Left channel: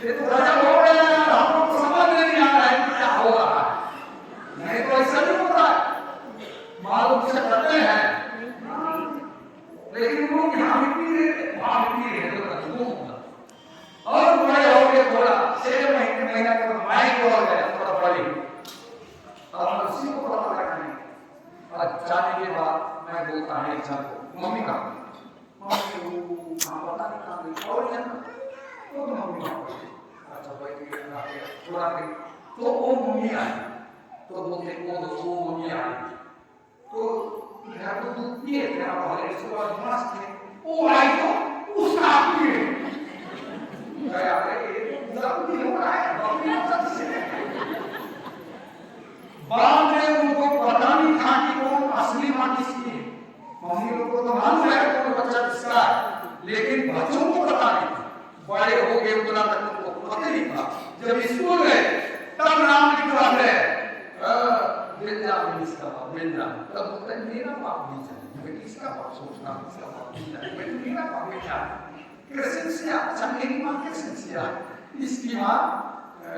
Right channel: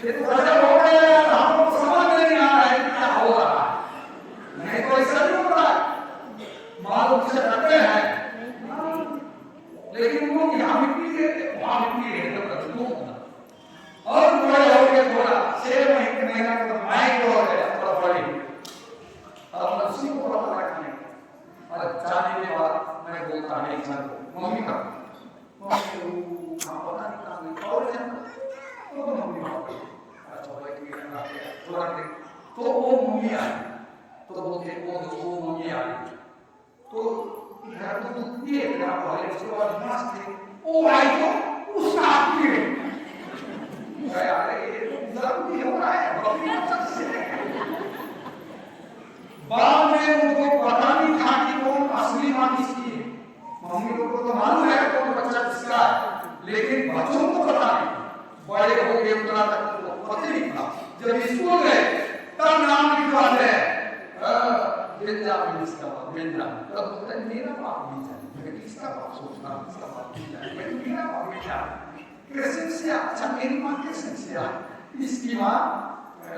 ये तो गजब हो गया है, हम लोग को समझ में नहीं आ रहा है कि क्या हो रहा है। नहीं तो ऐसा नहीं होता है, मालूम से करते हैं, लेकिन लोग यहाँ मिट्टी रहते, वहाँ मिट्टी रहते होगा। और बड़े हो गए, थोड़ा 6 महीना का माइक हो गया, थोड़ा बड़े, अब उसी को पता रखने। और जाने के बाद मैं बोलता है इंसान को, मम्मी का मम्मी पता नहीं कहाँ गई, और तो मम्मी अच्छा भाई थोड़ा देर तो वो मम्मी आई, तो बोलते वो मम्मी आई, तो घर तो दूध पिए थे ना पहले, उसके बाद मस्त थे, वो आई तो उसका आप पिए ये हो रहा है बाद में उनको पता नहीं था कि कौन असली माँ किसकी है। मम्मी लोग को तो मालूम है कौन बच्चा किसका है, लेकिन बच्चों को पता नहीं। बड़े हो गए उतना तक उनको पता नहीं था। जब स्कूल गए तब नाम लिखवाते हैं बेंजामिन, इसका बाप बेंजामिन, तब बोलता है मेरा बाप बेंजामिन, इसका बाप सोचना, इसका बाप बेंजामिन, मेरा बाप बेंजामिन। क्रिसचिया, अच्छा मेरी माँ क्रिसचिया, इसकी माँ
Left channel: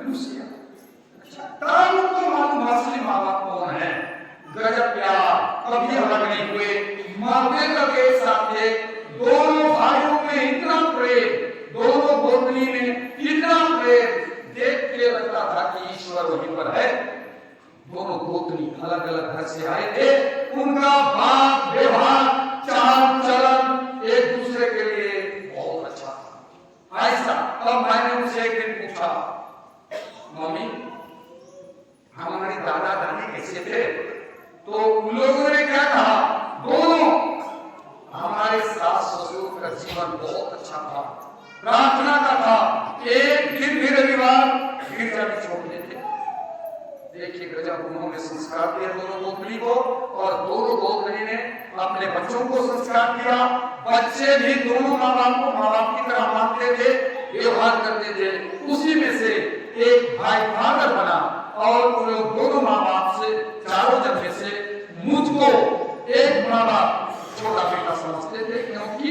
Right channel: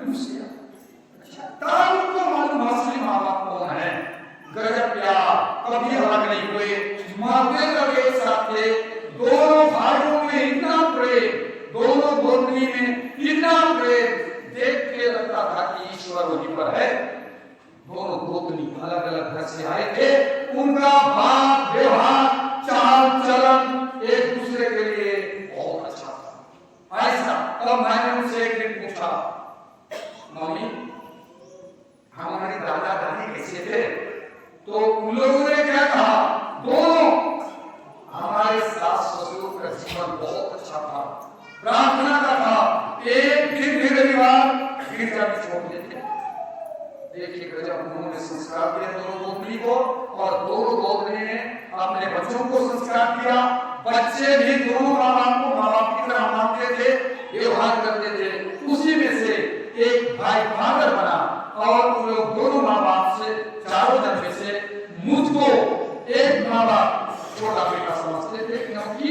लूसिया। अच्छा तब उनको मालूम असली माँ बाप कौन है। गजब प्यार, कभी अलग नहीं हुए, मरते तक एक साथ थे। दोनों भाइयों में इतना प्रेम, दोनों गोतनी में इतना प्रेम, देख के लगता था कि ईश्वर वहीं पर है। दोनों गोतनी अलग अलग घर से आए थे, उनका बात व्यवहार चाल चलन एक दूसरे के लिए बहुत अच्छा था। ऐसा तब मैंने उनसे एक दिन पूछा, मम्मी हमारे दादा दादी कैसे थे? तो उन लोगों ने क्या कहा, दोनों हमारे सास ससुर का जीवन बहुत अच्छा था, प्रार्थना का था, एक दिन भी रविवार गिरजा भी छोड़ देते। देखिए गजब उन्होंने संस्कार दिया दोनों गोतनी को, और दोनों गोतनी ने अपने बच्चों को संस्कार दिया। बच्चे भी दोनों माँ बाप को माँ बाप की तरह मानते थे, व्यवहार करते थे। उसी में से एक भाई फादर बना, और वो लोग दोनों माँ बाप से, चारों जन में से मुझको एक माँ बाप छोटा बेटा समझते थे, क्योंकि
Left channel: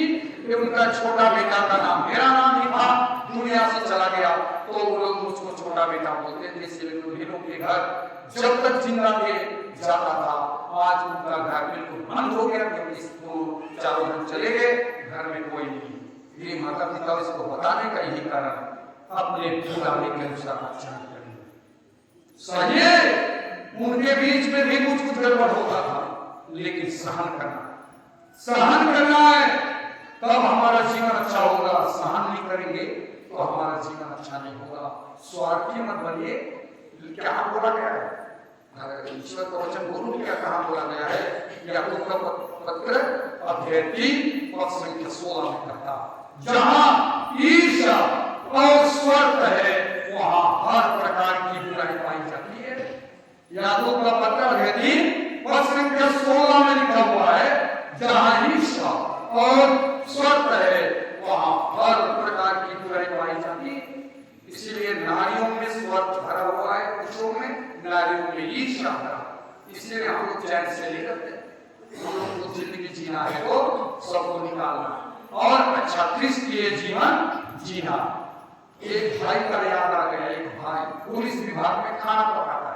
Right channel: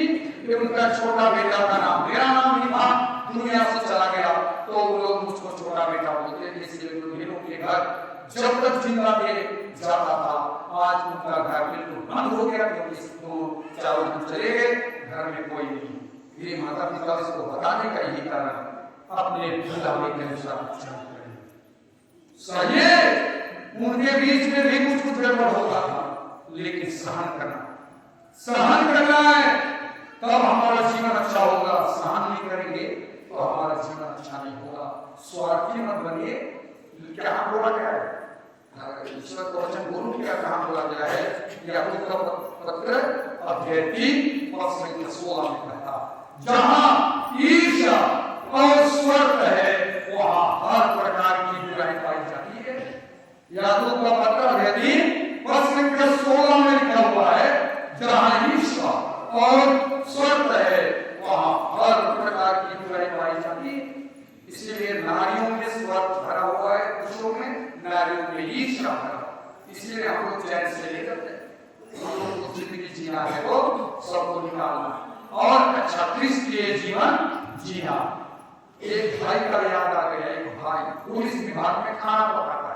उनका छोटा बेटा का नाम मेरा नाम ही था, दुनिया से चला गया तो वो लोग मुझको छोटा बेटा बोलते थे। इसलिए बहनों के घर जब तक जिंदा थे जाता था। आज उनका घर बिल्कुल बंद हो गया, क्योंकि तो चारों जन चले गए, घर में कोई नहीं। ये माता पिता इसको बताने का यही कारण, अपने बुलाने के अनुसार आचरण करें। सही है, उनके बीच में भी कुछ गड़बड़ होता था, लेकिन सहन करना है, तब हमारा जीवन अच्छा होगा। सहन नहीं करेंगे तो हमारा जीवन अच्छा नहीं होगा। स्वार्थी मत बनिए। क्या बोला गया है ईश्वर का वचन बोलूं, क्या कहाँ बोला गया है? याकूब का पत्र अध्याय 3 पद संख्या 16 में कहता, जहाँ ईर्ष्या और स्वार्थ है वहाँ हर प्रकार की बुराई पाई जाती है। याकूब का पत्र अध्याय 3 पद संख्या 16 में लिखा हुआ है, जहाँ ईर्ष्या और स्वार्थ है वहाँ हर प्रकार की बुराई पाई जाती है। इसीलिए नारियों में स्वार्थ भरा हुआ है, पुरुषों में, नारियों में ईर्ष्या भरा। इसलिए हम लोग चैन से नहीं करते। हम लोग को जिंदगी जीना है तो सबको निकालना और अच्छा क्रिस्तीय जीवन जीना। एक भाई का याद आ गया, एक भाई पुलिस विभाग में खाना पकाता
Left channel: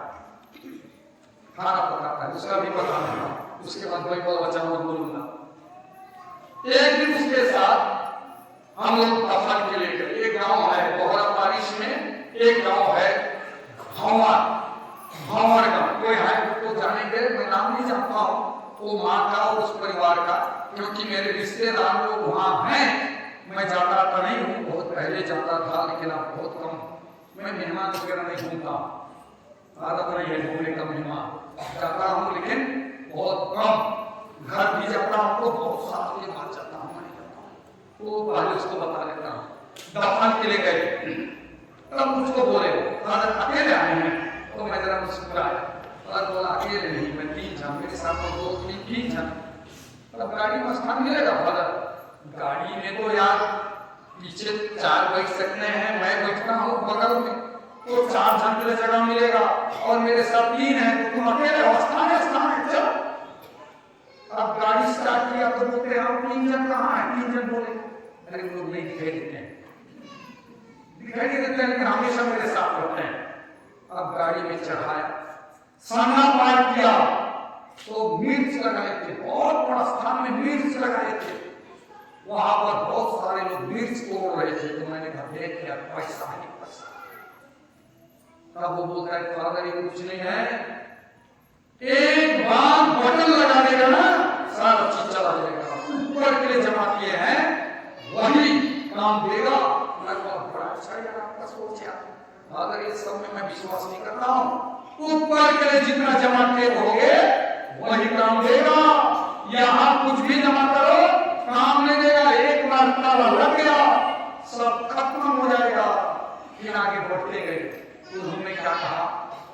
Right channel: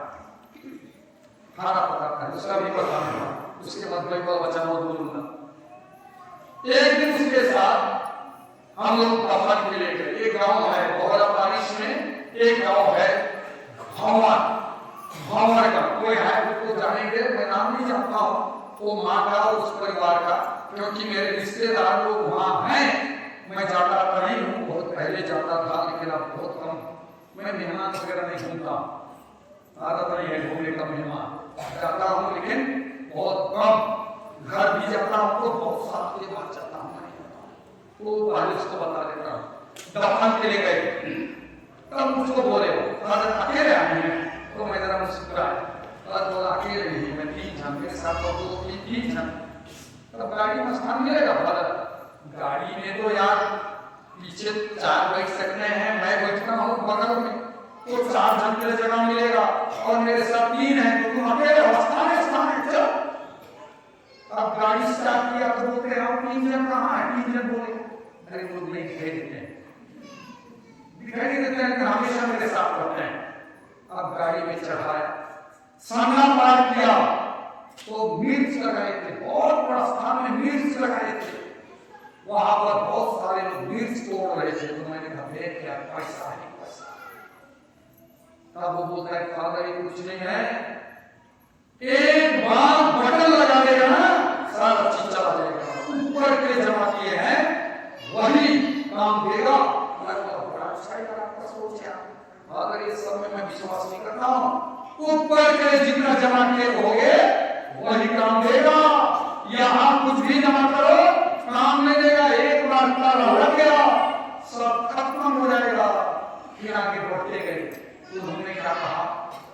है, उसका भी पता नहीं, उसके बाद कोई वचन बोलूंगा। एक दिन उसके साथ हम लोग दफन के लिए गए। एक गांव है बोहरा बारिश में, एक गांव है भंवर का, कोई है उसको जानेंगे, मैं नाम नहीं जानता हूँ, वो माँ का और उस परिवार का, क्योंकि मेरे रिश्तेदार लोग वहाँ हैं। मैं जाता था नहीं हूँ, बहुत पहले जाता था, लेकिन अब बहुत कम। मैं मेहमान वगैरह नहीं घूमता, आदत नहीं है घूमने का। मेहमान जाता हूँ लेकिन बहुत कम। घर भी जाता हूँ तो बहुत साल के बाद जाता हूँ, नहीं जाता हूँ, तो पहले उसको बता देता हूँ। दफन के लिए गए, तब मुझको बोले हो अकेले आए हैं, तो मैं जरा मुस्कुराया और बोला अकेले नहीं, मैं 3 जन, मेरे साथ तो 2-3 जन। तब गाड़ी में स्थान मिलेगा फादर? गाड़ी में तो यार पीछे 4 बैठ सकते हैं, मैं बैठता हूँ बगल में, तो 4 जन के लिए जगह मिलेगा, और मेरे साथ 3 है, तो तुम अकेले हो, स्थान है चलो। अब गाड़ी स्टार्ट किया तो बोलते हैं इंजन कहाँ है, इंजन बोले अरे वो लोग नहीं दिखाई देते हैं, दिखाई नहीं देते हैं, हमेशा मेरे साथ होते हैं। अब गाड़ी में चढ़ाया, सामना पार किया तो मिर्च लगाए थे, बहुत बड़ा स्थान में मिर्च लगाए थे, वहां पर बहुत सारे लोग मिर्च तोड़ रहे थे। तो मैंने कहा देख क्या पैसा है पैसा। तब वो बोलता है फादर ये कुछ नहीं है, एक बार बटन लगा देगा ना सारा चीज चला जाएगा, ऊपर के लिए जमा किए हैं वही काम देगा। बड़ा अच्छा यार आपका सोच है, अगर ये सब में मैं विश्वास नहीं करता हूं, ऊपर के लिए जितना जमा किए होगे वही काम देगा, यहां कुछ भी जमा करो काम नहीं देगा। एक बार ताला लग गया सब खत्म हो जाएगा। फिर आगे बढ़ते गए तो उन्होंने क्या कहा,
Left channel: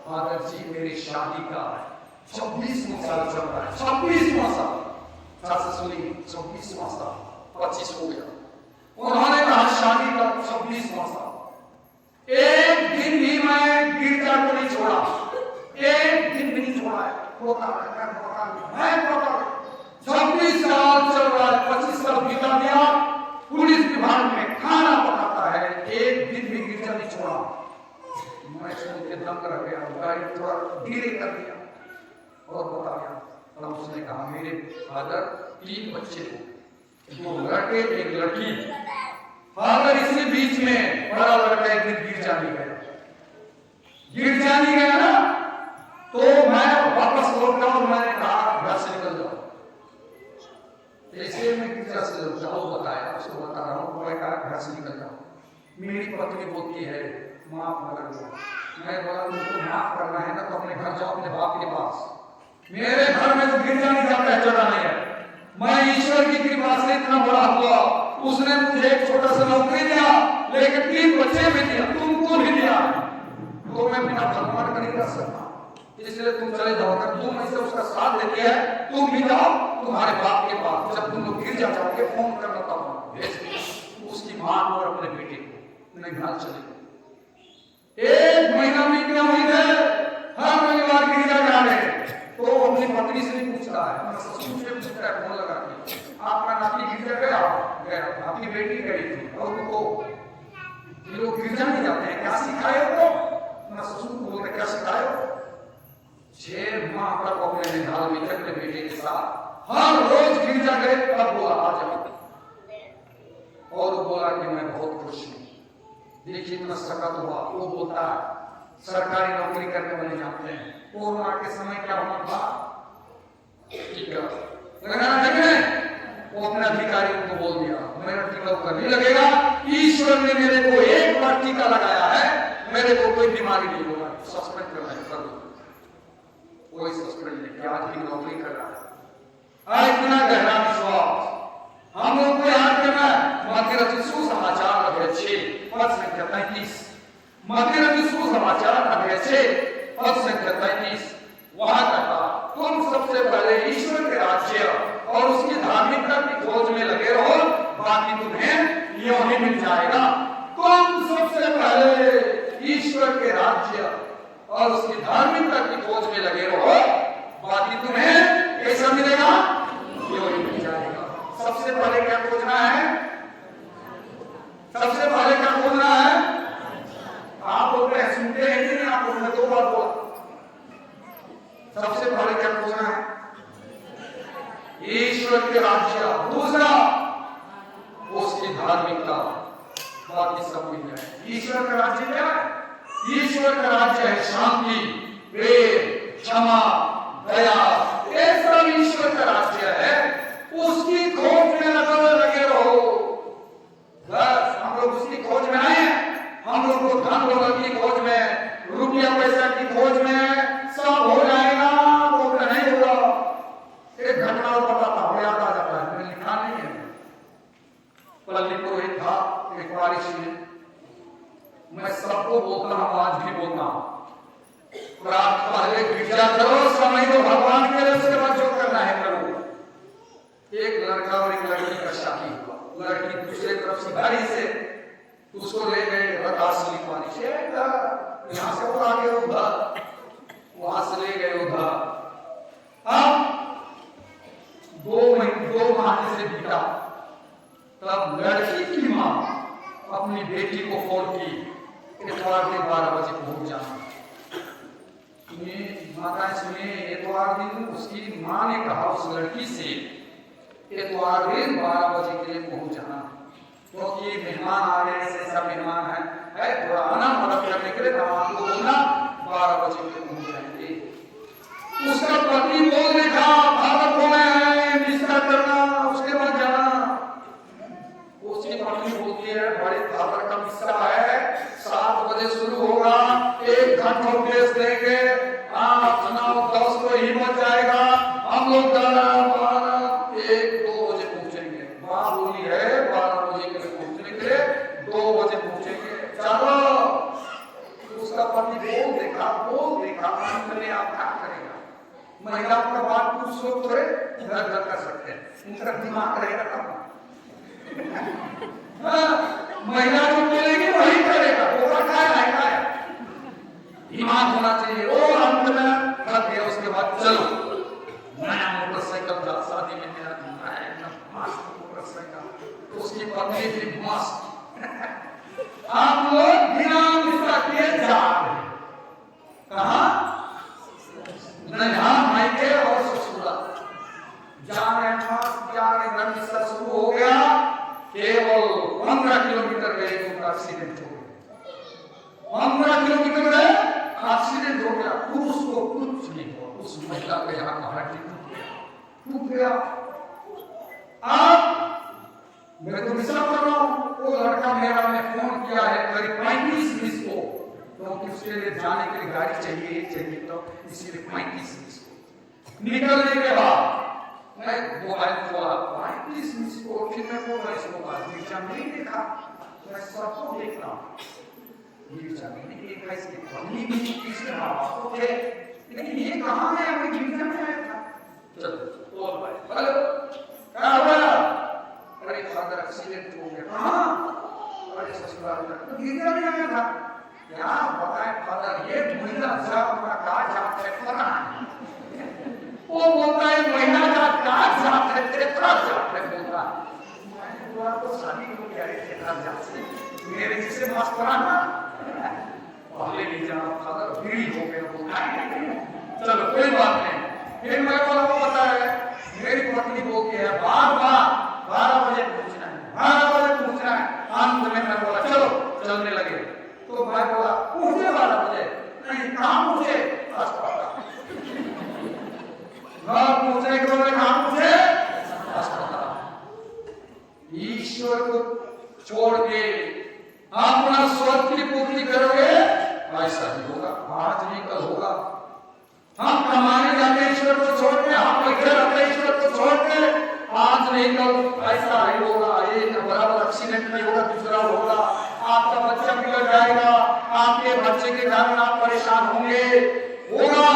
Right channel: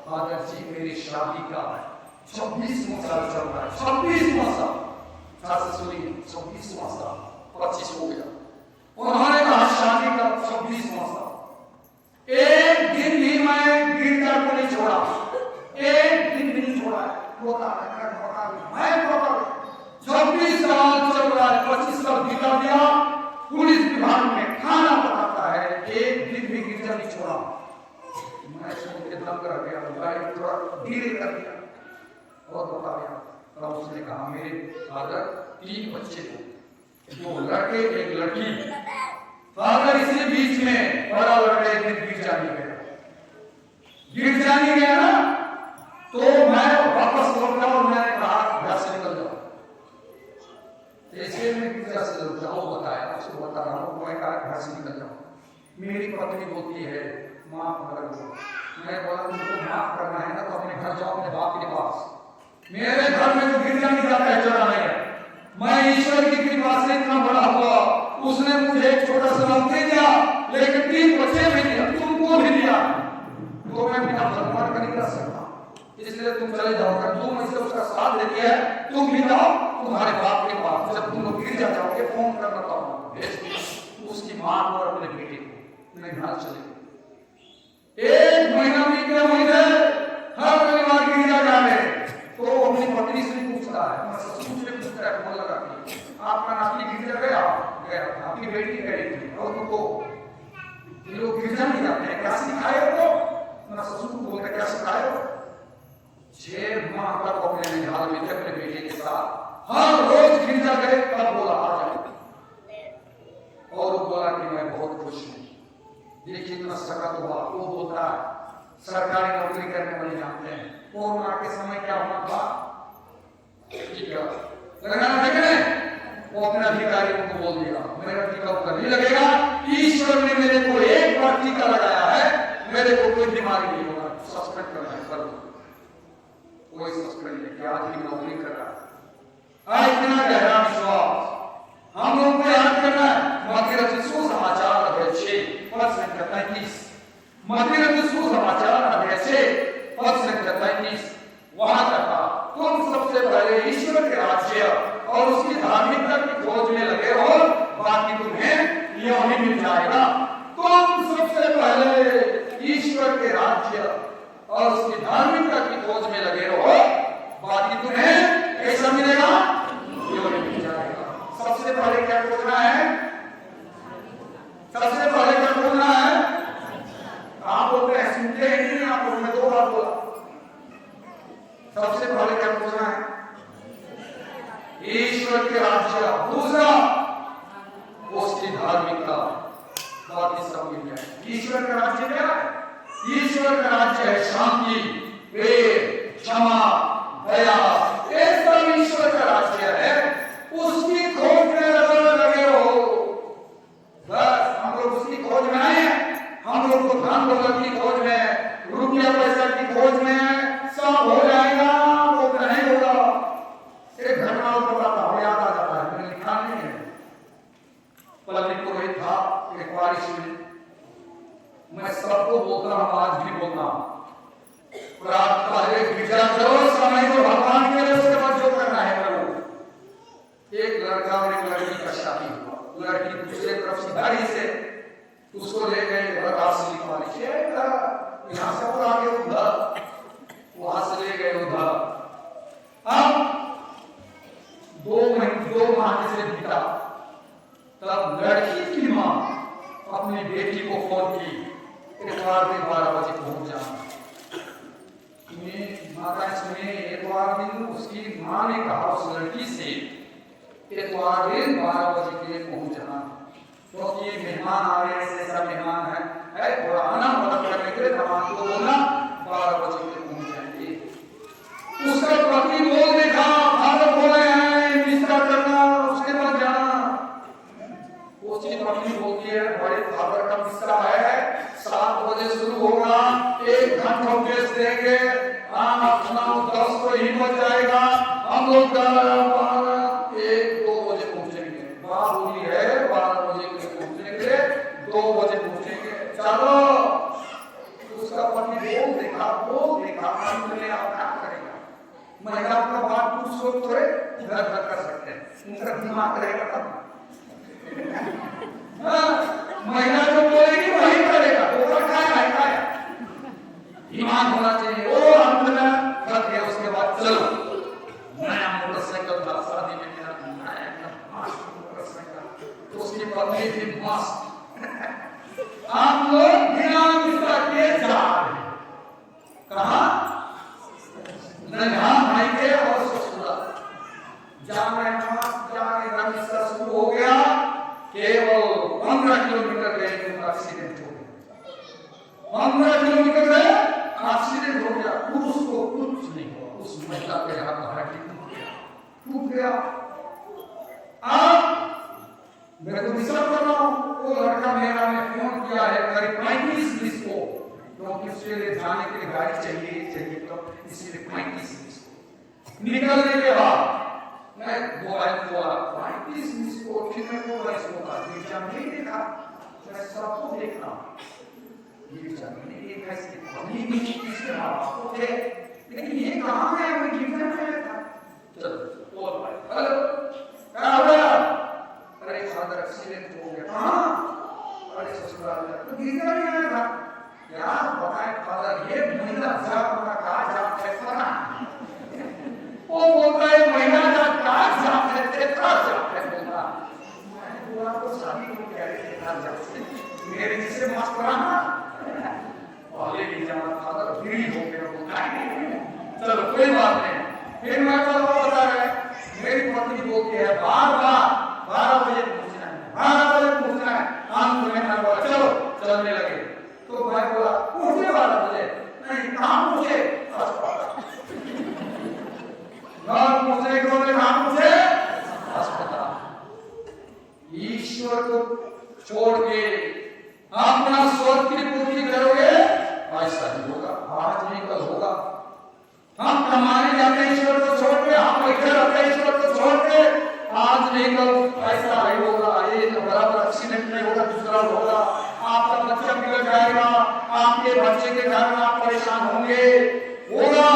फादर जी मेरी शादी का 26वां साल चल रहा है, 26वां साल से सुनिए 26वां साल, 25 हो गया। उन्होंने कहा शादी का 26वां साल, एक दिन भी मैं गिरजा को नहीं छोड़ा, एक दिन भी नहीं छोड़ा है, मैं 26 साल चल रहा है, 25 साल बिता दिया, पुलिस विभाग में खाना पकाता है, एक दिन भी गिरजा नहीं छोड़ा। मैं सुन के दम कर गया, गाड़ी थोड़ा धीरे कर दिया और बताया। तब उसने कहा मेरे फादर 3 बच्चे थे, 2 लड़के 1 लड़की, फादर इसी बीच में बड़ा लड़का एक दिन गिरजा नहीं गया ना, तो मैं वापस लौट गया और मैंने कहा घर से निकल जाओ। ऐसे में गिरजा से लौट जाओ बताया, उसको बता रहा हूँ, मैं कहा घर से निकल जाओ। मेरी पत्नी बोलती है माफ कर दो, मैं बोला तुमको माफ करना है ना तो अपने घर जाओ, अपने बाप के पास, मेरे घर में तो गिरजा नहीं जाता है, चढ़ा नहीं है। मैं ईश्वर की कृपा से इतना बड़ा हुआ, उसने मुझे एक छोटा सा नौकरी दिया, लेकिन 3 बच्चे भी दिया, तुमको भी दिया, तो मैं बिना भगवान का नहीं कर सकता, इसलिए तुम चले जाओ। अगर तुम ऐसे उसका साथ देती है तुम भी जाओ तुम्हारे बाप के पास, जब तुम लोग गिर जाओगे फोन करना पाऊंगा। उसकी मां और अपने बेटे को मैं घर चले, 1 महीना बीत गया, महीने हर रविवार गिरजा जा रहे, तो अपनी पत्नी से नहीं पूछता है, अपना ससुर से पूछता है फोन लगा के, आपका नाती गिरजा गया, आपकी बेटी गई थी, और तुमको ये लोग गिरजा नहीं जाते हैं, क्या सिखाए हो? अपना ससुर को बोलते क्या सिखाए हो? 6 माह तक अपने निहाल में अपने बेटे के साथ हर रोज गिरजा गए, तब बोला आ जाओ, और वो बोला कि मैं बहुत खुश हूँ। देखिए इतना सकत हुआ, वो बोलता है सरकारी नौकरी करने वाले जानते हैं कोरोना के समय क्या होना था, ठीक है लगाना है, वो अपने अधिकारियों को बोल दिया मेरा टीका उका नहीं लगेगा, ईश्वर ने मेरे को एक बार टीका लगाया है, मेरे को कोई बीमारी नहीं होगा, सस्पेंड करना है कर दो। कोई सस्पेंड नहीं, आज भी नौकरी कर रहा है। इतना गहरा विश्वास हम लोग को याद करना है। मध्य सुसमाचार अध्याय 6 पद संख्या 33, मध्य सुसमाचार अध्याय 6 पद संख्या 33, वहां कहा तुम सबसे पहले ईश्वर के राज्य और उसकी धार्मिकता की खोज में लगे रहो, बाकी तुम्हें यूं ही मिल जाएगा। तुम सबसे पहले ईश्वर के राज्य और उसकी धार्मिकता की खोज में लगे रहो, बाकी तुम्हें कैसा मिलेगा? यूं ही मिल जाएगा। सबसे पहले क्या खोजना है? सबसे पहले क्या खोजना है? आप बोलते हैं सुनते हैं कि नहीं? आप बोलते हैं 2 बार बोला। सबसे पहले क्या खोजना है? ईश्वर के राज्य, दूसरा उसकी धार्मिकता, बाकी सब मिल जाए। ईश्वर का राज्य क्या है? ईश्वर का राज्य है शांति, प्रेम, क्षमा, दया, ये सब ईश्वर का राज्य है। उसकी खोज में लगे रहो, बस। हम लोग उसकी खोज में आए, हम लोग को धन दौलत की खोज में, रुपया पैसा की खोज में, सब हो जाएगा वो नहीं होगा। एक घटना और बताता हूं, याद आ जाता है, मैंने लिखा नहीं है। पल्ली पुरोहित था एक बारिश में, मैं सबको बोलता हूं, आज भी बोलता हूं, प्रार्थना है गिरजा चलो, समय को भगवान के लिए, उसके बाद जो करना है प्रभु। एक लड़का और एक लड़की का शादी हुआ, लड़की दूसरे तरफ सिधारी से उसको ले गए रासली पानी से, यहां से और आगे उधर, वहां से ले गए उधर। अब दो माह से बीता, तब लड़की की मां अपनी बेटी को फोन की, इतवार दिन 12 बजे पहुंच जाना। माता सुनिए, इतवार दिन उसकी मां ने कहा उस लड़की से, इतवार दिन 12 बजे के लिए पहुंच जाना, क्योंकि तो मेहमान आ रहे हैं, ऐसा मेहमान है थोड़ा आना मदद करने के लिए, तब आपको बोलना 12 बजे के लिए पहुंच जाएंगे। उसका पति बोल देखा, फादर बोले हैं निष्ठा करना, उसके बाद जाना। उसकी पत्नी बोलती है, बड़े फादर का किस्सा है, 7 बजे शुरू होगा, 1 घंटा उपदेश देंगे, खाना 10 को ही बच जाएगा, हम लोग 1-2 बजे पहुंचेंगे। माँ बोली है 12 बजे के लिए पहुंचने के लिए 2 बजे पहुंचेंगे, चलो। उसका पति बोल देखा अंत में आप क्या करेगा? महिलाओं का बात कुछ लोग थोड़े घर कर सकते हैं, उनका दिमाग रहेगा तब। महिला जो बोलेगी वही करेगा, वो खाया ईमान होना चाहिए। वो अंत में कर दिया, उसके बाद चलो नया मोटरसाइकिल था, शादी में मेरा नया मोटरसाइकिल, उसकी पत्नी थी मस्त। आप लोग बिना मिस्ता के जा रहे, कहा नया भाई के और ससुराल जा रहे, मस्त जा रहे। रमिस्ता शुरू हो गया, केवल 15 किलोमीटर गए तो उनका एक्सीडेंट हो गया। 15 किलोमीटर गए, एक्सीडेंट हो गया। पुरुष को कुछ नहीं हुआ, उस महिला के यहाँ का हड्डी टूट गया। अब मैं तो विश्वास कर रहा हूँ, वो लड़का मेरा ने फोन किया है करीब 35 को, क्योंकि उसके लिए जाने के लिए गाड़ी चाहिए, तो इसलिए 35 को निकलने के बाद मैं मोबाइल खोला, 35 को, फिर मैं को गिरजा नहीं देखा, मैं सबको देख रहा हूँ, गिरजा नहीं देखा, इसके पत्नी भी इसके माँ बाप को थे, लेकिन ये कहाँ है? मैं गिरजा में आया था। चलो बोल भाई, हेलो क्या हो गया? अरे फादर एक्सीडेंट हो गया। कहाँ? अरे ससुराल में। तो गिरजा में आया था। यार बताए फादर, ये महिला जात का कहा जात है पता नहीं। वो बोलता है महिला जात का जात है, तेरा जात है बोलता। मैंने बोला तो शादी को कह रहे थे तेरा जात से, मेरे जिसे मस्त कराना पहले नहीं जाना फादर, भीड़ हो गया बोलता। चलो कोई बात नहीं। फिर मैं पता है मेरी पत्नी बोलती है बार 12 बजे पहुंचना है, 12 बजे पहुंचना है। अंत में मैं बोला चलो, चलने लगे। तो मैं बोला पहुंचे 12 बजे, नहीं कहाँ पहुंचे? घर पहुंचे कहाँ पहुंचे? अस्पताल। ईश्वर को छोड़ के अपना स्वर्ग की पूर्ति करोगे, ऐसा ही होगा, आज नहीं कल होगा। हम कमाने जाते ईश्वर को छोड़ के, हम बैठे रहते ईश्वर को छोड़ के, आज नहीं कल ऐसा ही होगा। ये बराबर एक्सीडेंट नहीं होगा, दूसरा होगा, आपका बच्चा बिगड़ जाएगा, आपके बच्चे के कारण आप परेशान होंगे, होगा।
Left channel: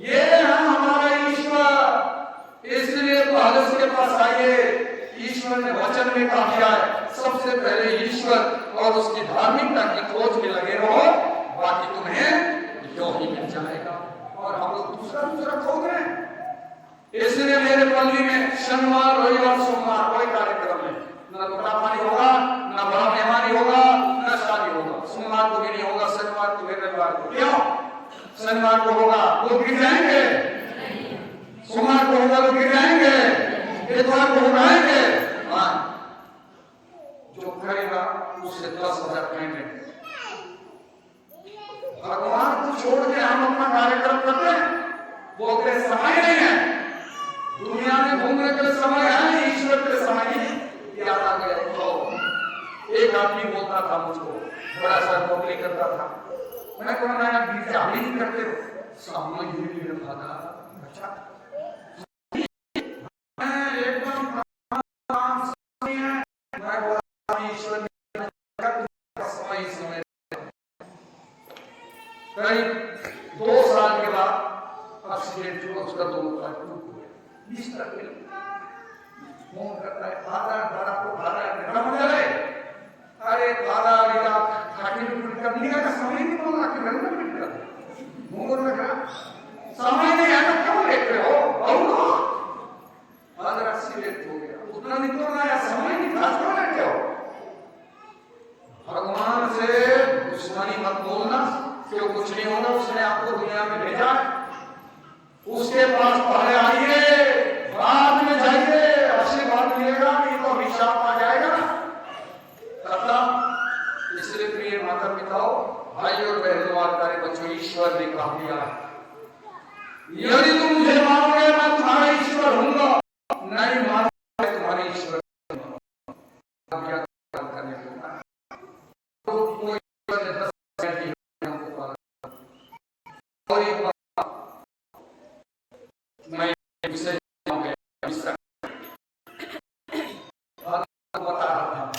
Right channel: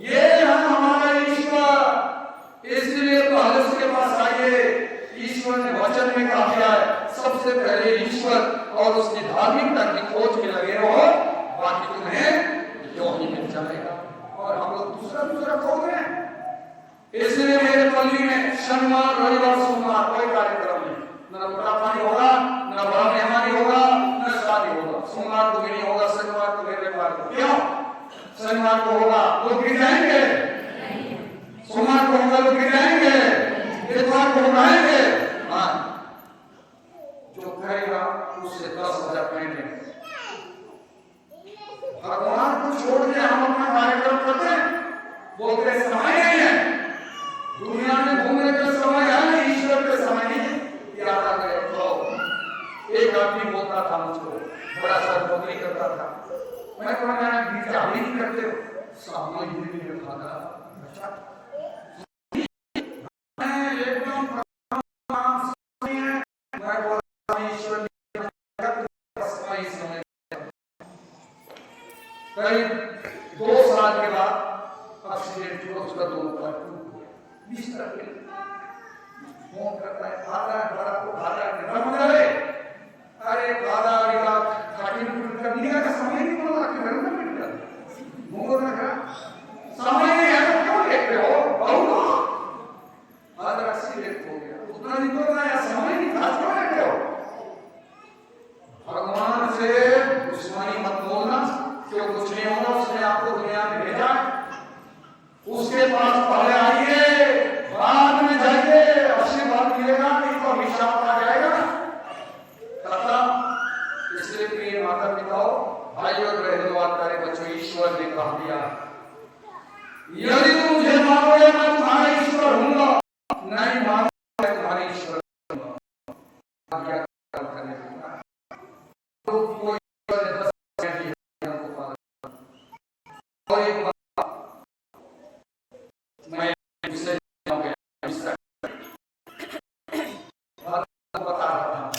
ये है हमारा ईश्वर। इसलिए तो हजरत के पास आइए, ईश्वर ने वचन में कहा है सबसे पहले ईश्वर और उसकी धार्मिकता की खोज में लगे रहो, बाकी तुम्हें यो ही मिल जाएगा। और हम लोग दूसरा खोज रहे हैं। इसलिए मेरे पल्ली में शनिवार रविवार सोमवार कोई कार्यक्रम नहीं, न रोटा पानी होगा, न बड़ा मेहमानी होगा, न शादी होगा। सोमवार को भी नहीं होगा, शनिवार को भी, रविवार को। क्यों? शनिवार को होगा लोग गिर जाएंगे, सोमवार को होगा लोग गिर जाएंगे, इतवार को होगा आएंगे। जो करेगा उससे 10,000 कहेंगे। भगवान को छोड़ के हम अपना कार्यक्रम करते हैं, बोलते हैं समय नहीं है, दुनिया में घूमने का समय है, ईश्वर के समय नहीं। याद आ गया तो एक आदमी बोलता था मुझको, बड़ा सा नौकरी करता था। मैं कहना गिरजा नहीं करते, सामने धीरे भागा। अच्छा एकदम मैं बोला ईश्वर समय करीब 2 साल के बाद एक्सीडेंट हुआ, उसका दोनों पैर टूट गए। बिस्तर पे फोन करता है, अरे खाटी में का समय नहीं बोल रहा, समय नहीं है तो क्यों लेते हो? क्यों कुछ नहीं होगा, उसने आपको दुनिया में भेजा है। उसके पास पहले आइए, बाद में जाइए, आशीर्वाद मिलेगा, नहीं तो अभिशाप आ जाएगा। तथा इसलिए प्रिय माता पिताओं, भाई और बहनों और प्यारे बच्चों, ईश्वर ने कहा दिया, यदि तुम मुझे मानोगे मैं तुम्हारा ईश्वर हूंगा, नहीं मानोगे मैं तुम्हारे ईश्वर हूंगा। करने तो कोई मैं विषय बता रहा हूँ,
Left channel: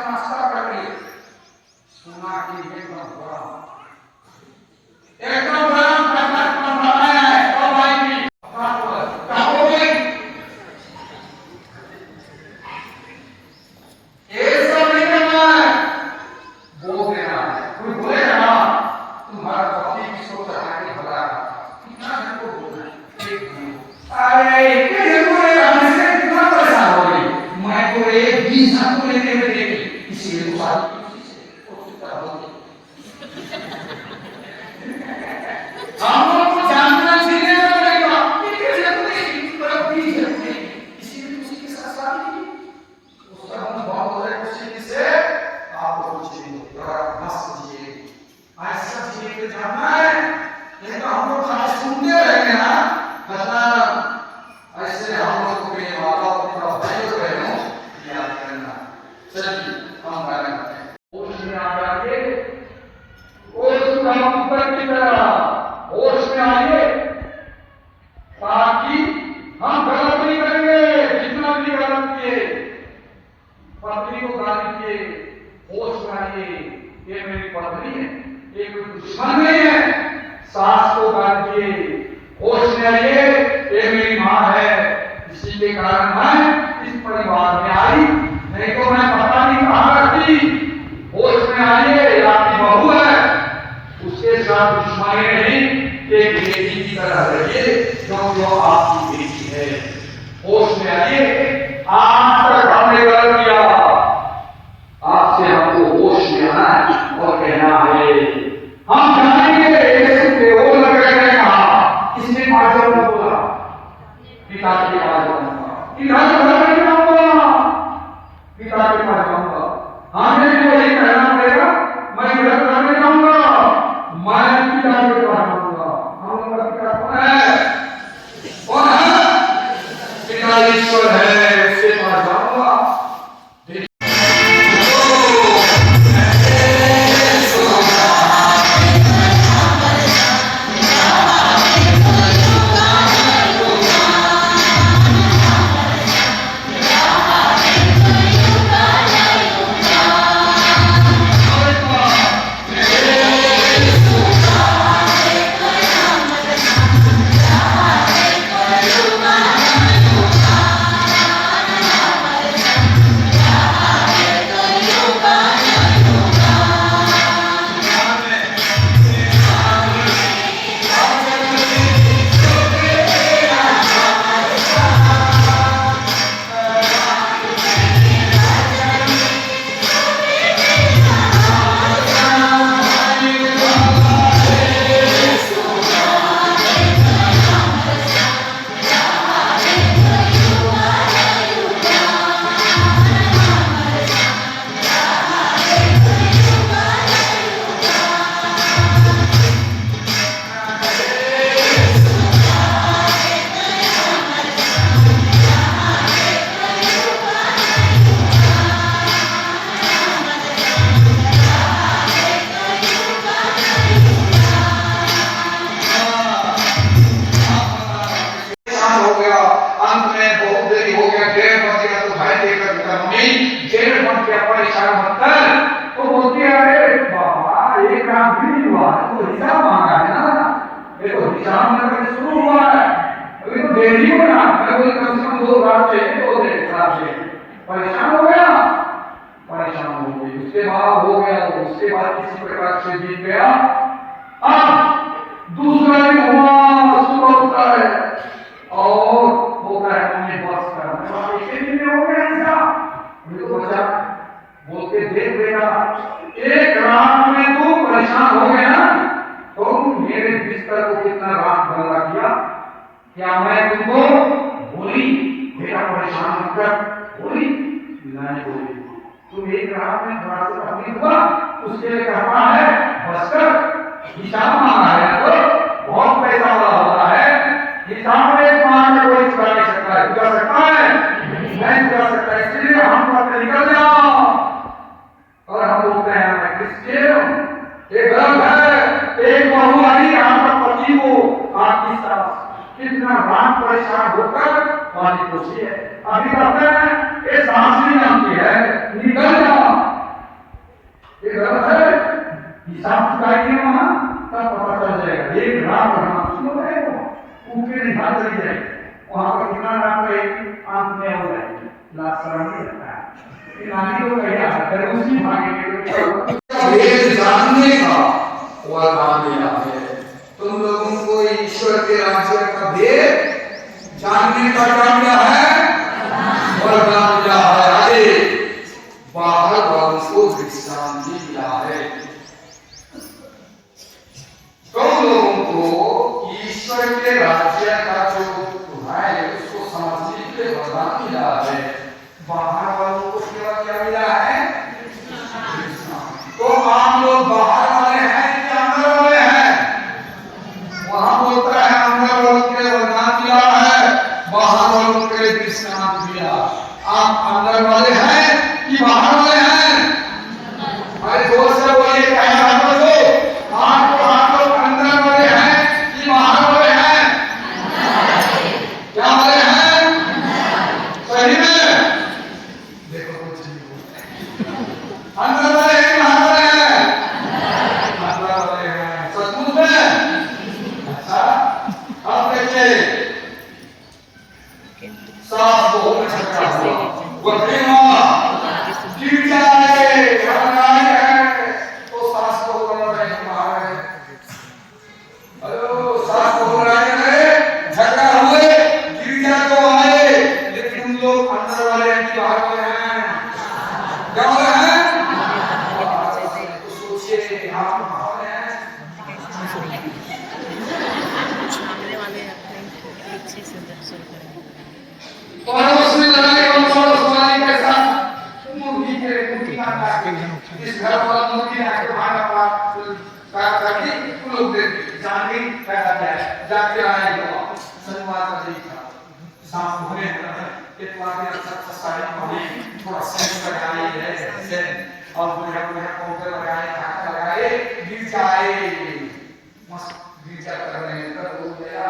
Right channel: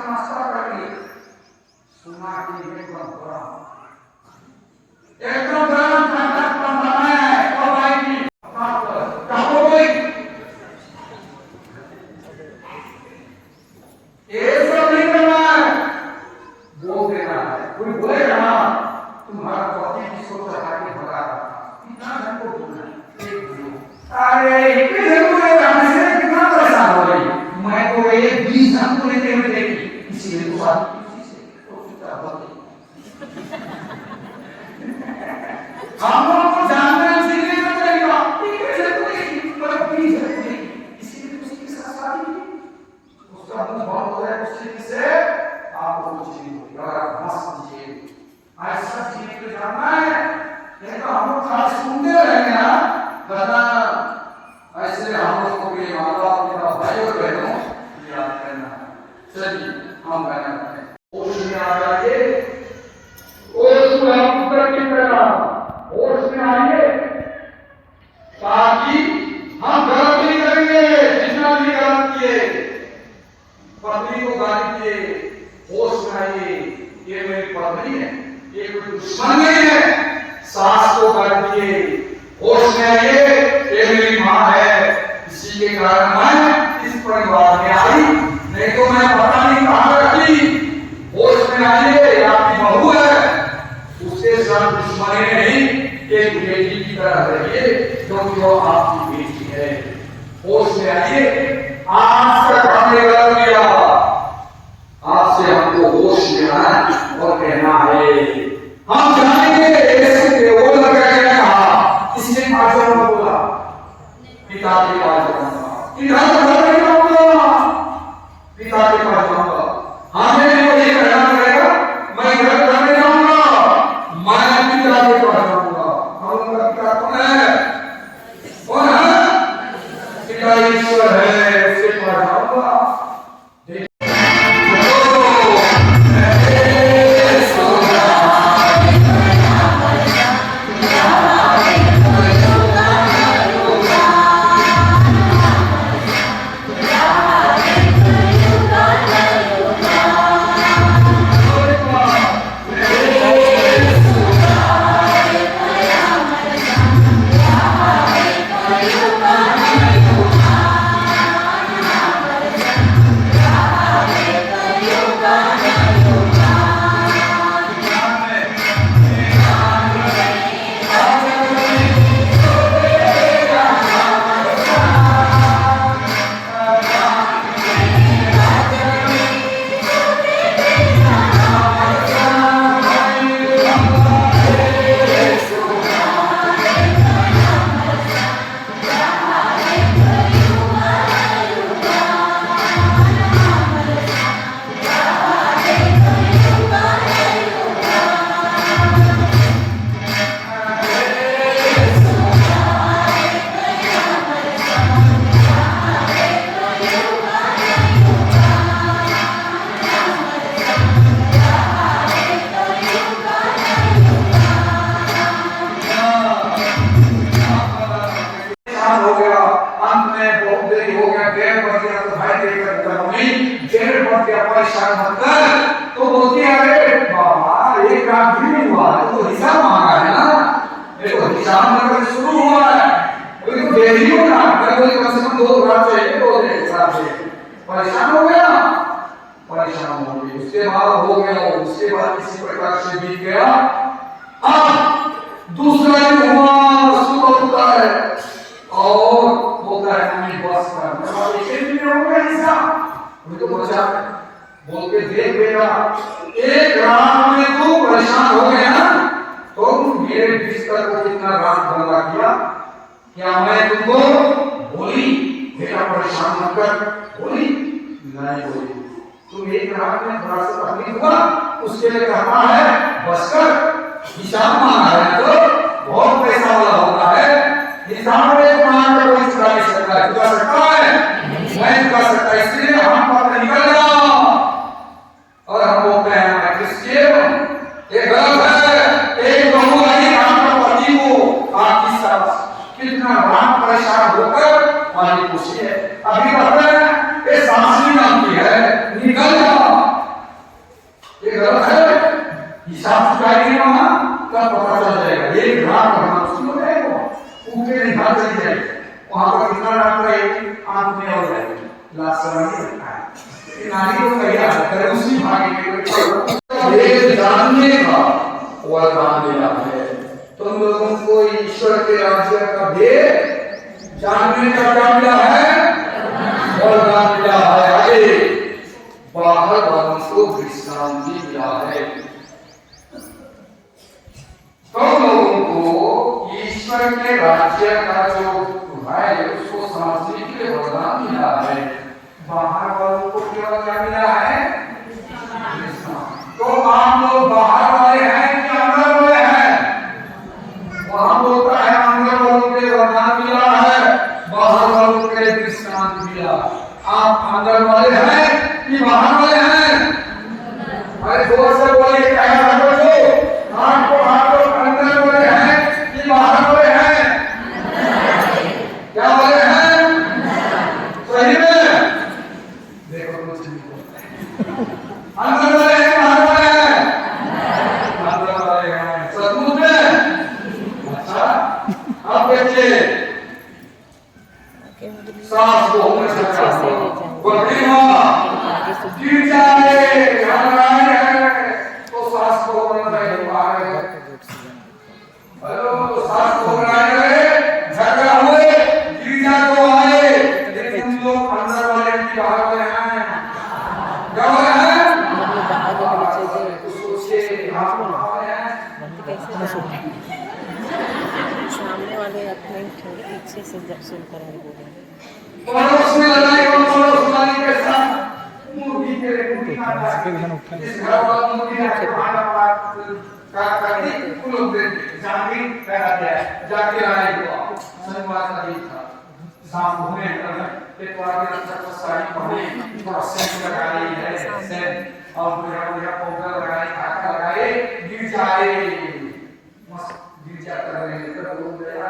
नाश्ता कर लिया, सुना कि एकदम बुरा एकदम गरम ठंडा ठंडा है और भाई की क्या हो गई ये सब नहीं करना है, बोल देना है। कोई बोले ना तुम्हारा पति की सोच हमारी भला कितना हमको बोलना है, अरे इतने बोले हमसे कितना परेशान हो गई, मैं तो ये 20 जन को लेते हुए देखी, इसीलिए तो शादी हम लोग को जानना सीखने का पड़ेगा, इसीलिए उसके साथ शादी उसका मुंह बहुत हो जाए उसी से आपको कुछ नहीं होगा, मस्त जिए ऐसा जिए तो जानना है। ये तो हम लोग खाली सुनते रहेंगे ना, कहना ऐसे हम लोग को भी माँ बाप की तरफ भेज रहे हो याद करना। चलिए हम गाना करते हैं, होश में आ जाइए, होश में हम ऊपर की तरह होश में आइए, ताकि हम गलत नहीं करेंगे। जितना भी गलत किए, पत्नी को गाली दिए, होश में आइए, ये मेरी पत्नी है, ये कोई दुश्मन नहीं है। सास को गाली दिए, होश में आइए, ये मेरी माँ है, इसी के कारण मैं इस परिवार में आई, नहीं तो मैं पता नहीं कहाँ रहती। होश में आइए, ये आपकी बहू है, उसके साथ दुश्मनी नहीं, एक बेटी की तरह रहिए क्योंकि वो आपकी बेटी है। होश में आइए, आज तक हमने गलत किया, आपसे हमको होश में आना और कहना है हम जानेंगे ऐसे वो लगा कहा इसने माजो बोला पिता के पास जाऊंगा, पिता के पास जाऊंगा, हमें मुझे कहना पड़ेगा मैं गलत करने जाऊंगा, मैं पिता के पास जाऊंगा। पिता कौन है? पिता ईश्वर है, उसके पास जाऊंगा। हो गया, अंत में बहुत देरी हो गया, 1:30 बज गया, तो भाई देखकर मम्मी 1:30 बज गया, परेशान मत कर। तो बोलती है अरे बाबा एक काम भी नहीं हुआ, तो हिसाब मांगा है ना, देखो हिसाब नंबर शुरू हुआ है, अभी तो देरी हो ना, कभी कम से कम 2 रात चाहिए, 2 दिन हिसाब से परेशान हो गया, परेशान हो गई। उसके बाद हो गया, उसके बाद किसी प्रकार से बीत गया। अब दूसरा दिन हुआ, सुबह होता है और बोलता है तुम्हें बस कर, इसे भी हो गया ऐसा, तो बच्चा बोलते देख बेटा एक रात में तो परेशान हो गया ना, तो मेरे बिस्तर को कितना रात गंदा किया, क्या मैं तुमको बोली बेटा परेशान मत कर, बोली नहीं बोली, तुम एक रात में थोड़ा सा तकलीफ हुआ, उसके लिए कहता है बस कर, हिसाब मांगा है तो बहुत पैसा वाला होता है, हिसाब में मांग के कोई चुका नहीं सकता है, चुका सकता है मैं चुका सकता है, इसलिए हम पर निकल जाओ। और हम बोलते हैं मैं क्रिश्चियन, ये गलत है, एक बहू आई आपके पति को आपकी सास कितना रात परेशान होकर पानी पूछी है, अभी कहते हैं ये सांस नहीं आती है, निकल जाओ, हिसाब चुकाएंगे वहां तब पता चल जाएगा। एक लाख वहां सुनो रहेगा ऊपर निकाल चली जाएगी वहां पर कितना लाख रहेगी आंख में और रहेगी लाख सवाल रखा है नानी को कहिए अगर उसी भाग्य के भेद जानने का वरदान मिला है। तुम लोगों को ईश्वर के राज्य का भेद जानने का क्या मिला है वरदान मिला है। अरे बाहर वालों को विश्रांति मिला है। तुम लोगों को ईश्वर के राज्य का जो है उसको समझने के लिए वरदान मिला है। बाहर वालों को क्या मिला है तो आप लोग बाहर वाले हैं कि अंदर वाले हैं। वहां बोलता है अंदर वालों के वरदान मिला है बाहर वालों के विश्रांति मिला। आप अंदर वाले हैं कि बाहर वाले हैं? अरे जोर से बोलिए कहे बातों को आपको अंदर वाले हैं कि बाहर वाले हैं? क्या वाले हैं? सही में देखो कुछ अंदर वाले हैं बाहर वाले हैं? अंदर वाले हैं सचमुच में। अच्छा अब देखिए सास बहू में झगड़ा गिर जाए तो सास को बोलना है मारे सास को बोलना है झगड़ा हुए गिर जा तो आए लेकिन तुम लोग अंदर वाले हैं कि बाहर वाले हैं? क्या वाले हैं? सोचिए आप कौन हैं? सामने वाले अपने पीछे से शुरू करेंगे पड़ोस में लड़ाई हो पड़ोस वाले के साथ मुर्गी खाता है इस घर वाला मुर्गी आके भागा पड़ा का करके उन लोग जाके कहता है जाके आएगा शनिवार का दिन था शाम होने एक बार अच्छा साड़ी पहने थोड़ा सेंट लगाए है सेंट और बढ़िया बढ़िया पाउडर लगाए धागा लगाए गिर जाए मस्त गिर जाकर कर हो गया।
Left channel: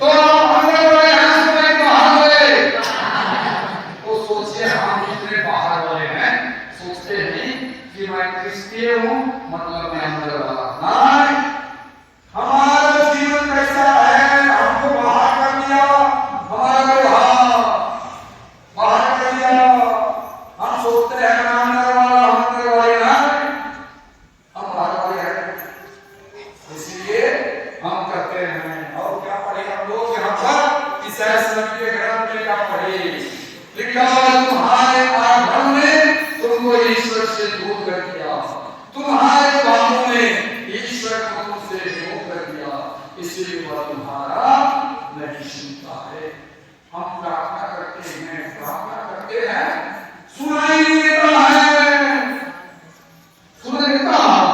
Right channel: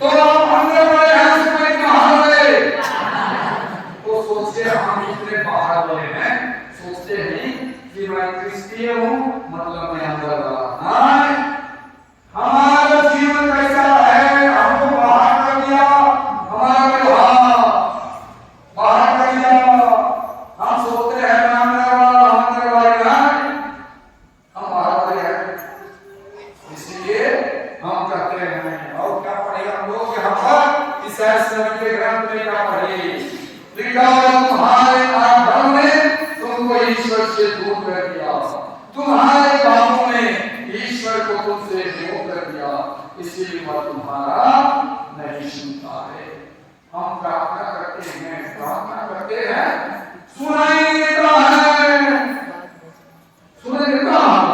तो अंदर वाले हैं समय बाहर वाले तो सोचे हम इतने बाहर वाले हैं सोचते हैं कि मैं क्रिश्चियन हूँ मतलब मैं अंदर वाला नहीं। हमारा जीवन कैसा है हमको बाहर कर दिया हमारा व्यवहार बाहर कर दिया। हम सोचते हैं मैं अंदर वाला हम अंदर वाले नहीं हम बाहर वाले हैं इसलिए हम करते हैं। और क्या पढ़े हम लोग यहाँ पर ईसाई नबी के ग्रंथ में क्या पढ़े लिखा है तुम्हारे आधर्म ने तुमको ईश्वर से दूर कर दिया तुम्हारे पापों ने ईश्वर को तुमसे दूर कर दिया इसीलिए वह तुम्हारा नहीं सुनता है। हम प्रार्थना करते हैं सुनाई देता है सुनाई देता है।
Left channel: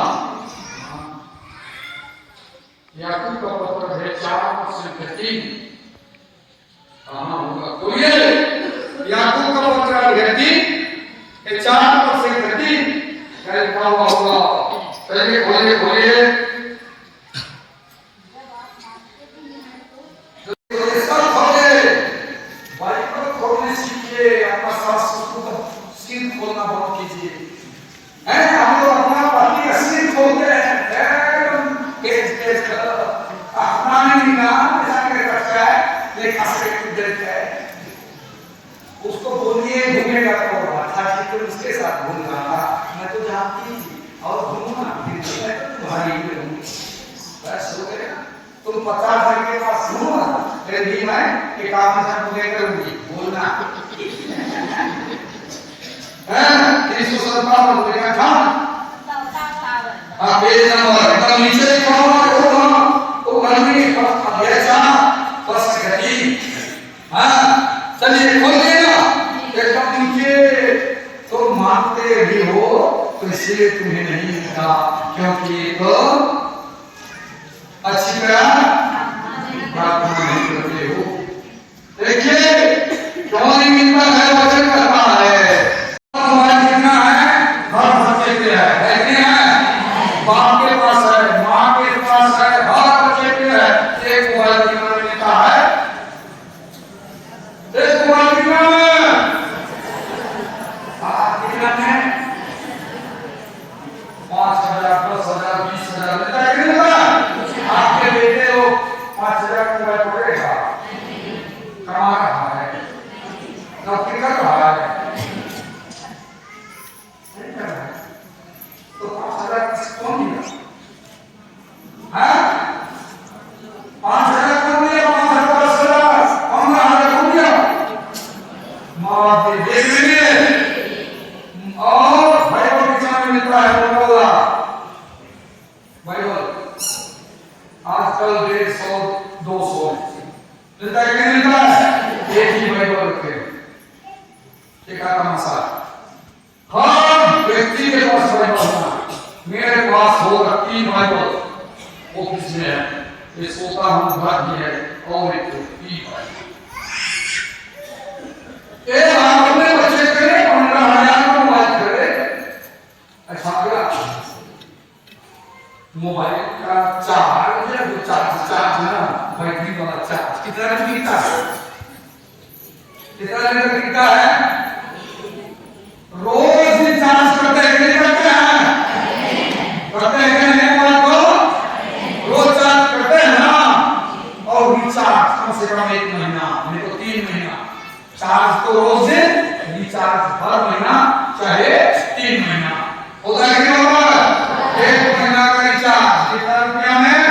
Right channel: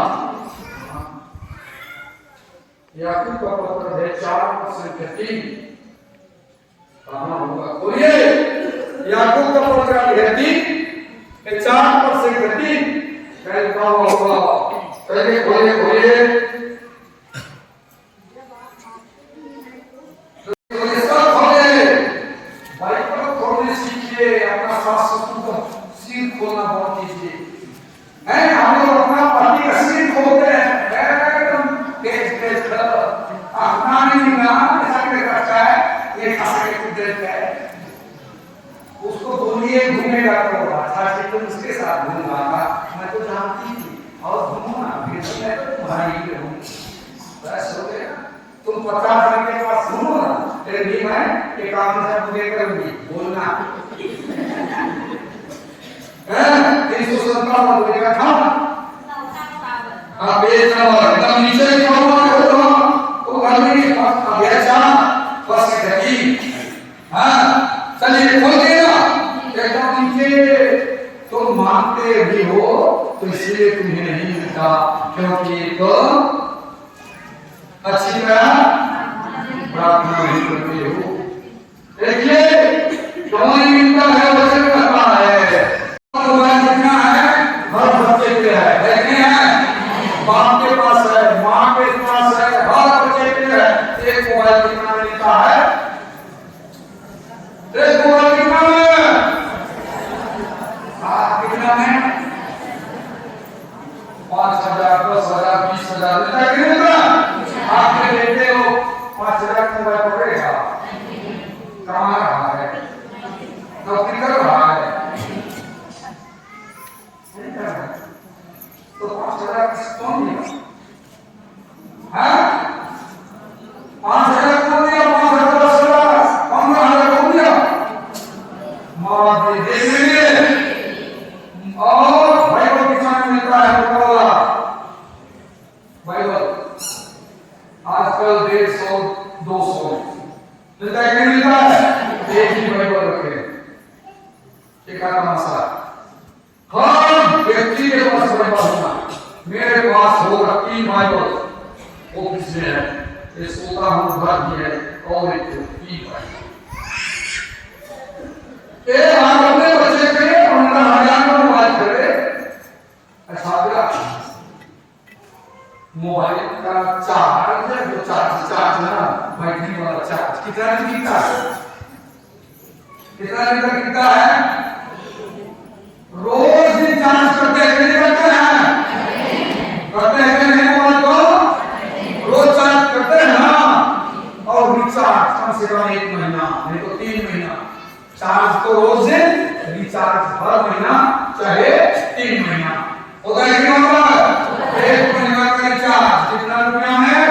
याकूब का पत्र है 4:3 कहना होगा खोलिए याकूब का पत्र है 4:3 कल क्या होगा चलिए खोलिए बाइबल खोलने सीखिए अपना सास ससुर का सीन खोलना बंद कीजिए हैं। हम लोग अपना पति का सीन खोलते हैं पेज अपना नहीं नाम ऐसा के रखता है ये ऐसा के कुछ देता है उसको बोलिए घूमेगा तो था कि तुम उसके साथ घूम रहा मैं तो जानती थी और घूमूंगा तुम्हारी बस हो गया। तुम 50,000 के पास घूमो लेकिन मैं एक काम से पूरे करूंगी बोलना है 317 रुपए का था पेज नंबर एकदम नीचे लिखा हुआ है तो मालूम अभ्यास बस घटी हाँ चलिए खोल देना एकदम नीचे तुम मानते भी हो तो इसलिए तुम्हें नहीं मिलता क्योंकि तो अच्छी तरह प्रार्थना नहीं करते हो। देखिए क्यों नहीं मिलता है वचन कहता है तुम्हारा जितना है हर बच्चे के है कि है बाप के पास है माँ के पास है हर बच्चे के है एक मोबाइल कितना मिलता है एक मोबाइल कितना में कितना में इसलिए और बाइबल के समय मिलता है होगा बाइबल आजकल 150-200 मिलता है कि नहीं मिलता है? एक ही बाइबल रखे एक मसला हर व्यक्ति के पास बाइबल होना। मेरे पास होगा 3 बाइबल ऑफिस में है, ये सोता हूँ घर भी है और एक 3 बाइबल। हम अपने बच्चे के 15,000 को मोबाइल करे। अच्छा क्या मोबाइल का चार्ज है जो चार्ज ना बैटरी वाला चार्ज कितना गिरता है? कितना लीटर गिरता है? रोज ही चार्ज करते हैं कि करते हैं? करते हैं कि नहीं? बोल तो रोज चार्ज करते हैं ना। और रिचार्ज कम से कम 1 महीना नहीं तो 3 महीना चार्ज तो रोज है, रिचार्ज हर महीना चाहे 3 महीना होता है कि नहीं होता? 1 महीना का रिचार्ज कितना रुपया है?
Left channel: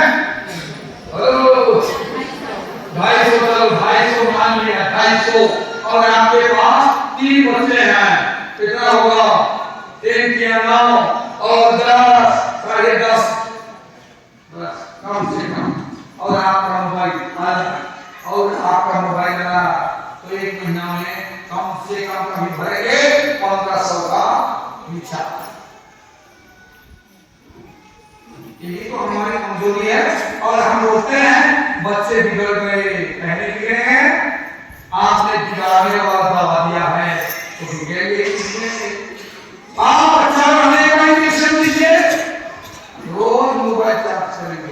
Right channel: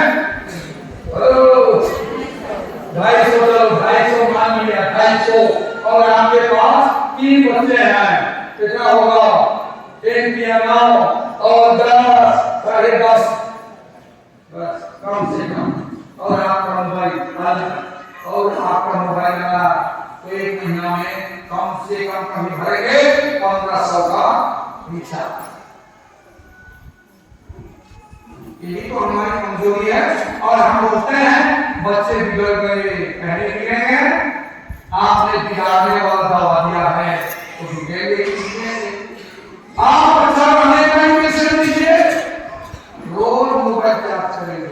250 मान लिया 250 और आपके पास 3 बच्चे हैं कितना होगा? 3 3 9 और 10 साढ़े 10 बस कम से कम। और आपका मोबाइल लगा तो 1 महीना में कम से कम कभी भरेंगे 1500 का रिचार्ज। यही तो हमारी कमजोरी है। और हम बोलते हैं बच्चे बिगड़ गए, पहले बिगड़े हैं, आपने बिगाड़ने वाला दवा दिया है तो बिगड़ेंगे किससे? आप अच्छा बनने का इंजेक्शन दीजिए, रोज मोबाइल चार्ज करेंगे,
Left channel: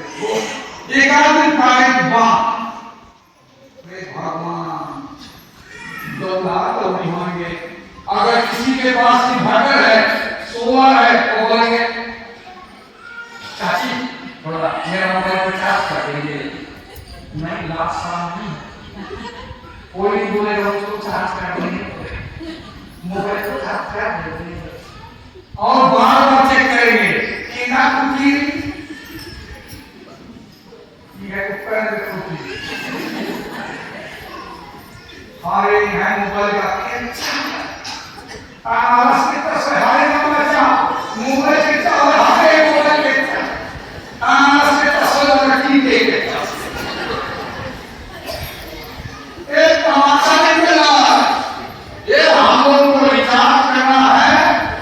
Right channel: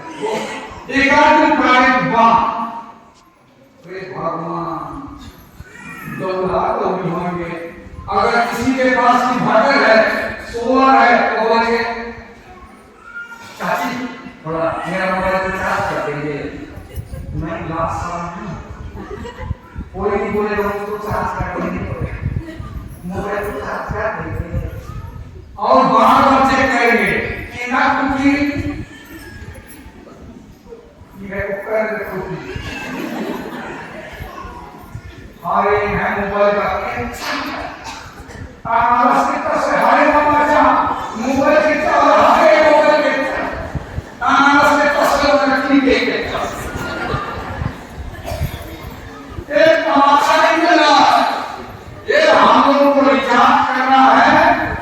एक आदमी पॉइंट बात भगवान तो नहीं होंगे। अगर किसी के पास इन्वर्टर है, सोलर है तो बोलेंगे चाची थोड़ा मेरा मोबाइल चार्ज कर देंगे। मैं लास्ट साल नहीं कोई नहीं बोलेगा उसको चार्ज कर देंगे, मोबाइल को चार्ज कर देंगे और बार-बार चेक करेंगे कि ना कुछ ये उपकरण देखो हारे है मोबाइल का आवाज कितना से हारे ना बच्चा मोबाइल के चाल हारे मोबाइल के आवाज कितना से लड़की देखे एक तमाशा नहीं चला। ये हम लोगों को विचार करना है,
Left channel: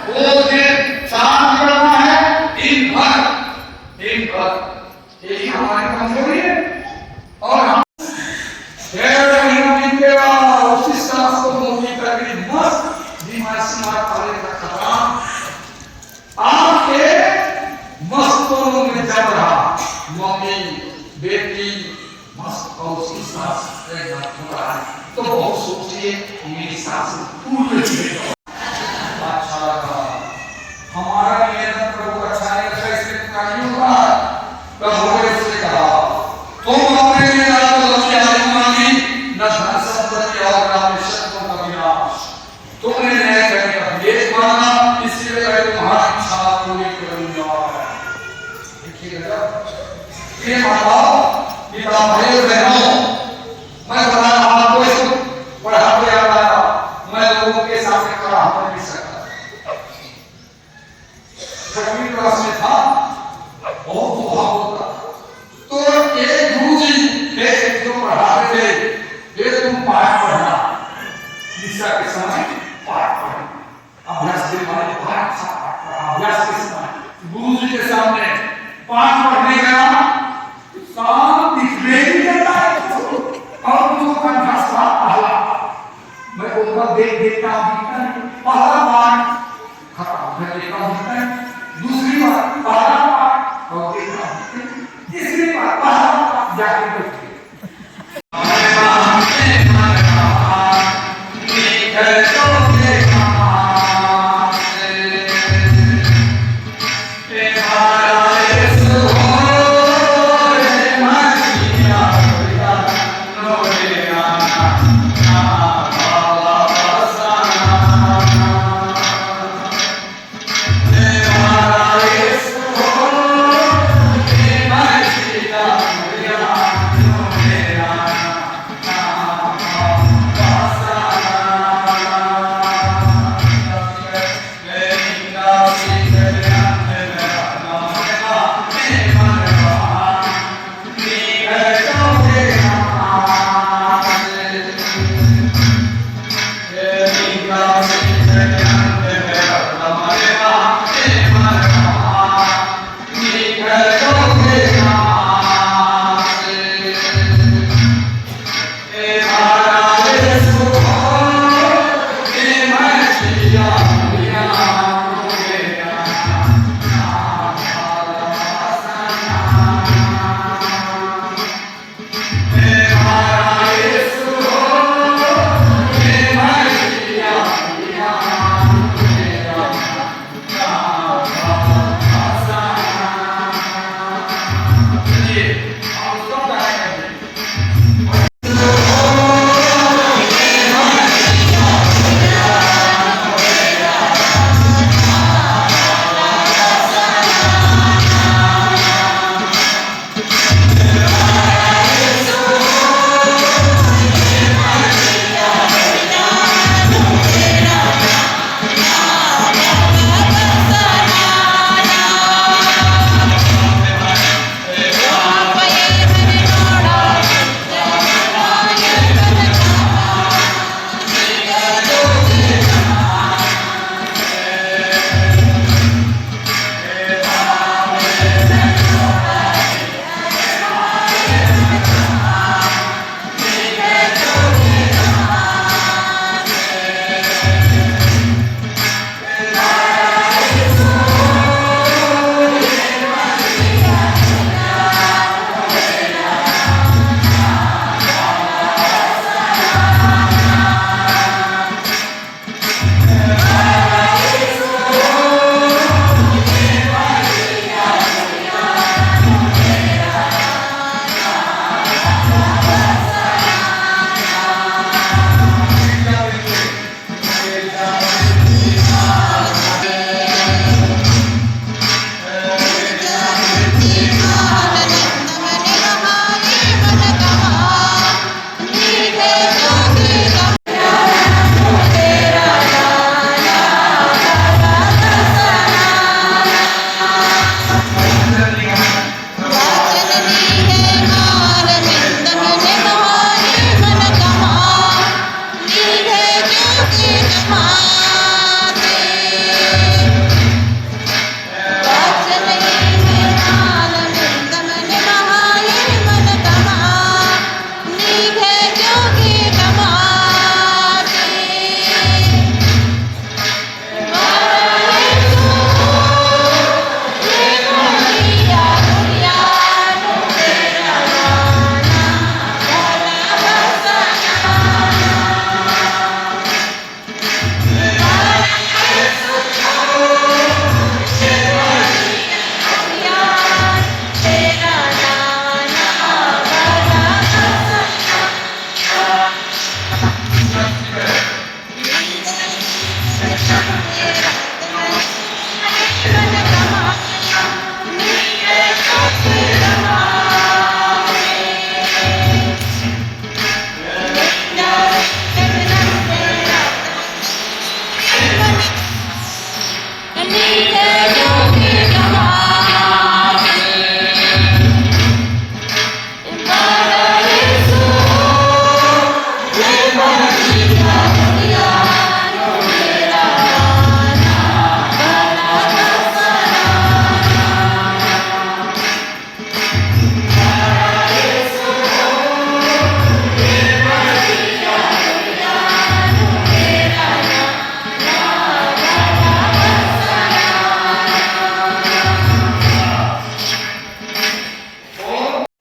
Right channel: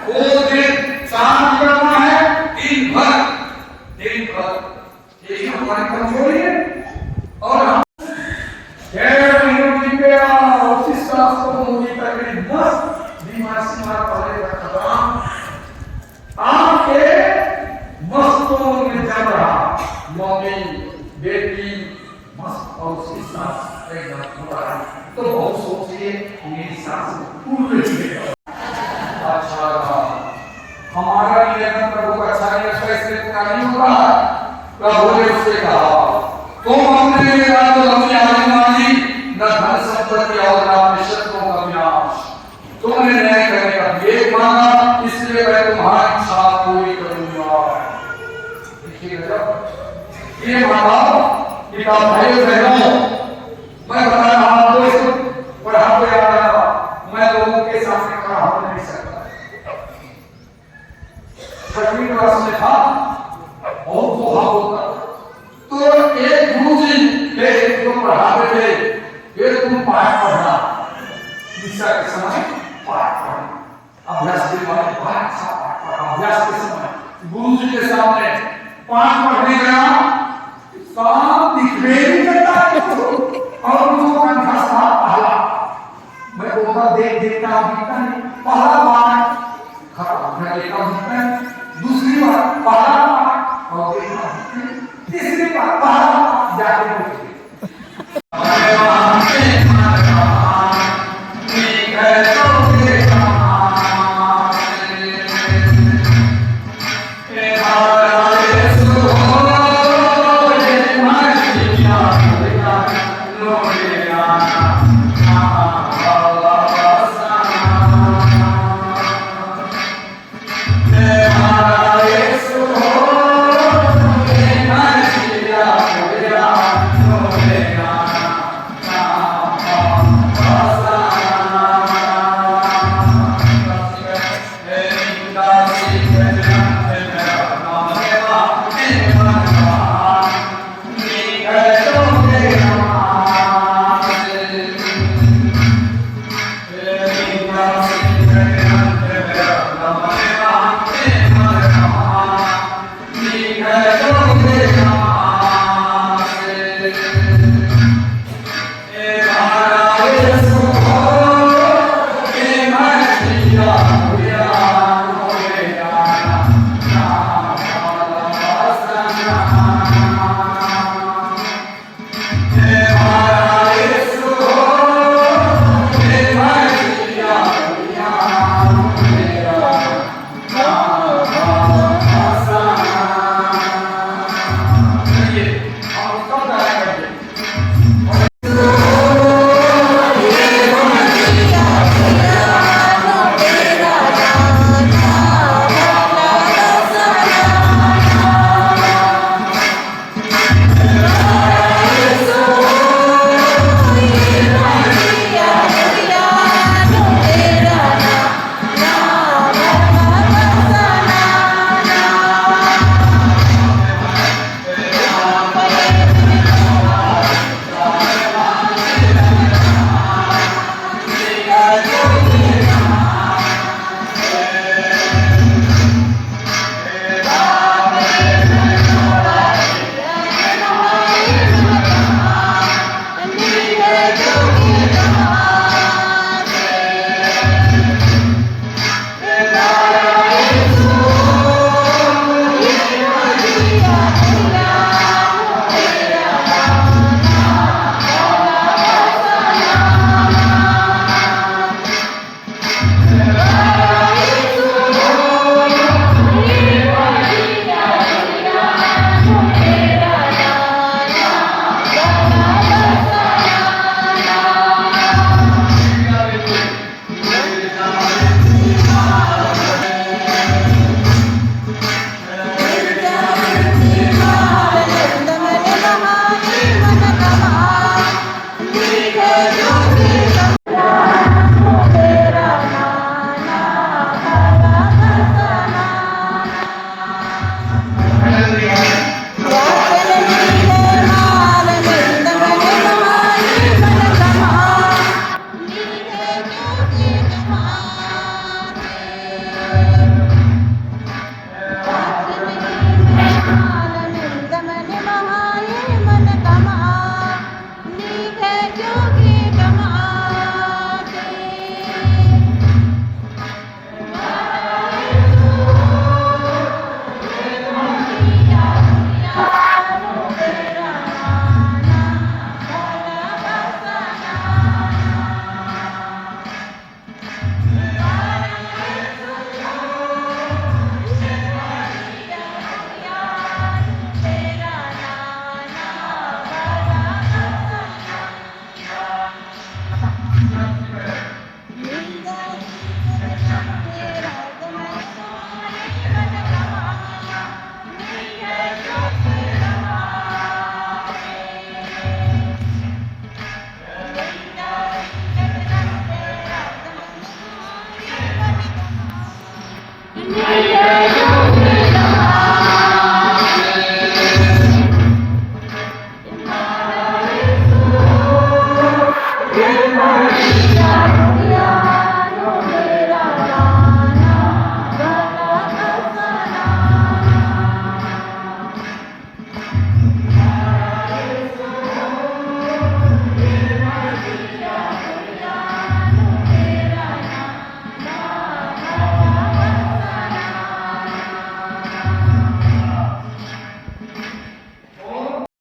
वो दिन शाम करना है, दिन भर यही हमारी कमजोरी है। और हम 1.5 महीने के बाद उसी सास को मुझे करके मस्त बीमारी पड़ेगा खत्म। आपके मस्तों में जम रहा मम्मी बेटी मस्त और उसकी सास एक बार हो रहा है तो बहुत सोचिए मेरी सास पूरी अच्छा लगा। हमारा नियंत्रण प्रभु अच्छा नहीं अच्छा इसलिए पूरा नहीं होगा। प्रभु ने उससे कहा तुम अपने लिए मांगी न धन संपत्ति और न शत्रुओं का विनाश, तुमने न्याय करने का भेद मांगा इसलिए मैं तुम्हारी इच्छा पूरी करूंगा। देखिए जब ये माता पिता भाइयों बहनों मैं बता रहा हूं तो पढ़ा तो याद आया मैं लोगों के सामने खड़ा हो नहीं सकता। 6वीं क्लास में था बहुत दुआ होता तो एक गुरुजी एक जो पढ़ा रहे थे ये तुम पाठ पढ़ना निशा के समय पाठ पढ़ना अभ्यास के समय अभ्यास के समय गुरुजी के सामने पाठ पढ़ने गया शाम दिखने ही करता है और वो कंठस्था पहला मैं ऊपर देखता पहला पाठ खत्म मैं देखता हूं दूसरी बार पहला पाठ और देखता तीसरी बार पहला पाठ जाके बैठे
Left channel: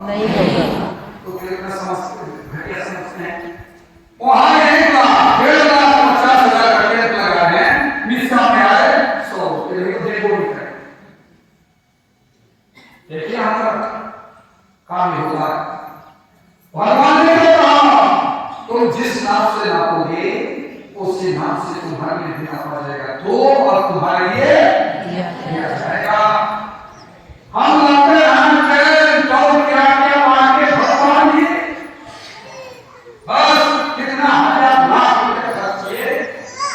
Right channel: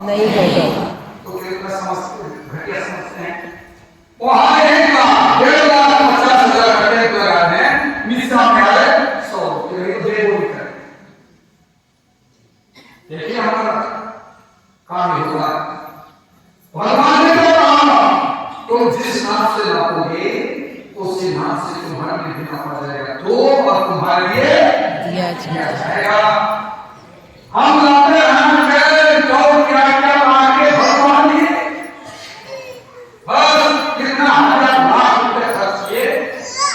नहीं है तो कितना समझते घटिया समझते हैं। वहां रहेगा 1,50,000 घंटे लगा रहे हैं, मिश्रा में आए 100 रुपये बोली कर देखिए हमारा काम नहीं होगा। भगवान ने कहा तो जिस नाम से नापोगे उसी नाम से तुम्हारे लिए भी नापा जाएगा, तो और तुम्हारे लिए दिया जाएगा। हम अपने दौड़ के आके भगवान की बस कितना 1,000 रुपए खर्च किए,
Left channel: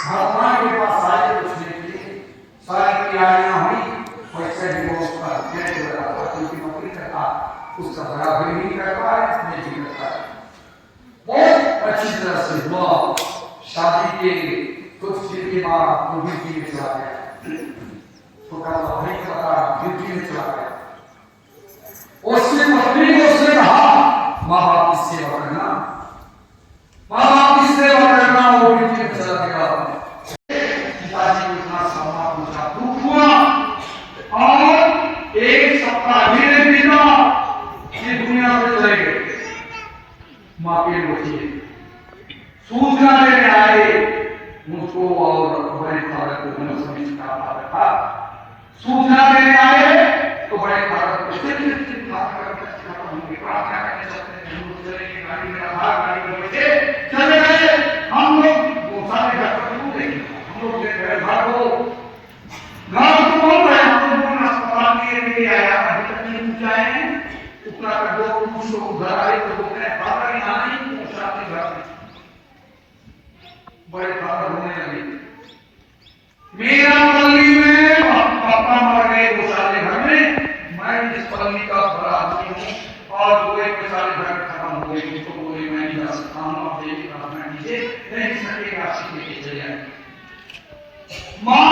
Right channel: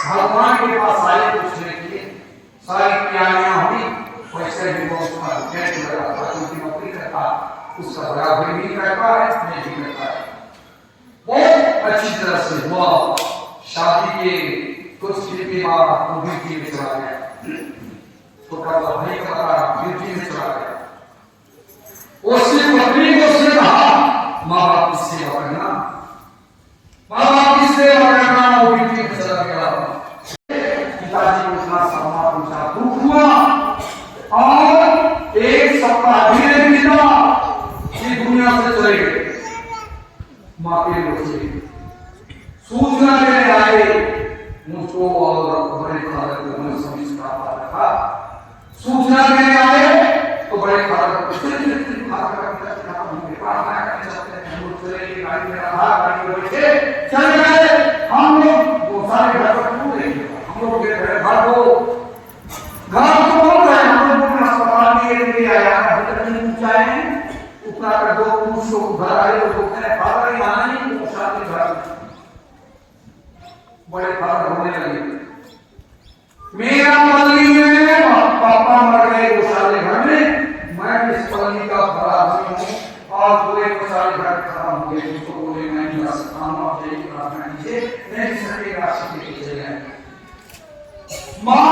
भगवान के पास आए कुछ नहीं किए, सारी तैयारियां हुई, पैसे भी वो उसका पेट लगा उनकी नौकरी करता, उसका बड़ा भी नहीं कर पा रहे, नहीं भी कर पा रहे। बहुत अच्छी तरह से हुआ, शादी के कुछ दिन के बाद वो ड्यूटी में चला गया, तो कल भाई का पता ड्यूटी में चला गया। उसकी पत्नी को उसने कहा माँ बाप की सेवा करना, माँ बाप की सेवा करना, वो ड्यूटी में चला गया। पिताजी को इतना समा पूछा दुख हुआ और एक सप्ताह धीरे बीता, ये दुनिया से चले गए। माँ के बच्चे सूचना देने आए मुझको और बड़े फादर को मैं समझ था, सूचना देने आए तो बड़े फादर को चले गए। हम लोग सारे घर पर क्यों देखेंगे, हम लोग देख रहे घर को, घर तो बोलता है हम लोग अस्पताल में ले आया, अभी तक नहीं पहुंचाए हैं, उतना कर दो पुरुषों को घर आए तो बोलते हैं फादर ये आना ही तो शादी घर बड़े फादर होने लगे। मेरा पल्ली में पापा मर गए वो सारे घर में, मैं इस पल्ली का बड़ा आदमी हूँ और दो एक सारे घर खत्म हो गए, तो बोले मैं नहीं जा सकता हूँ, आप देखिए प्रार्थना कीजिए, नहीं सकेगा सीखे चले जाए। माँ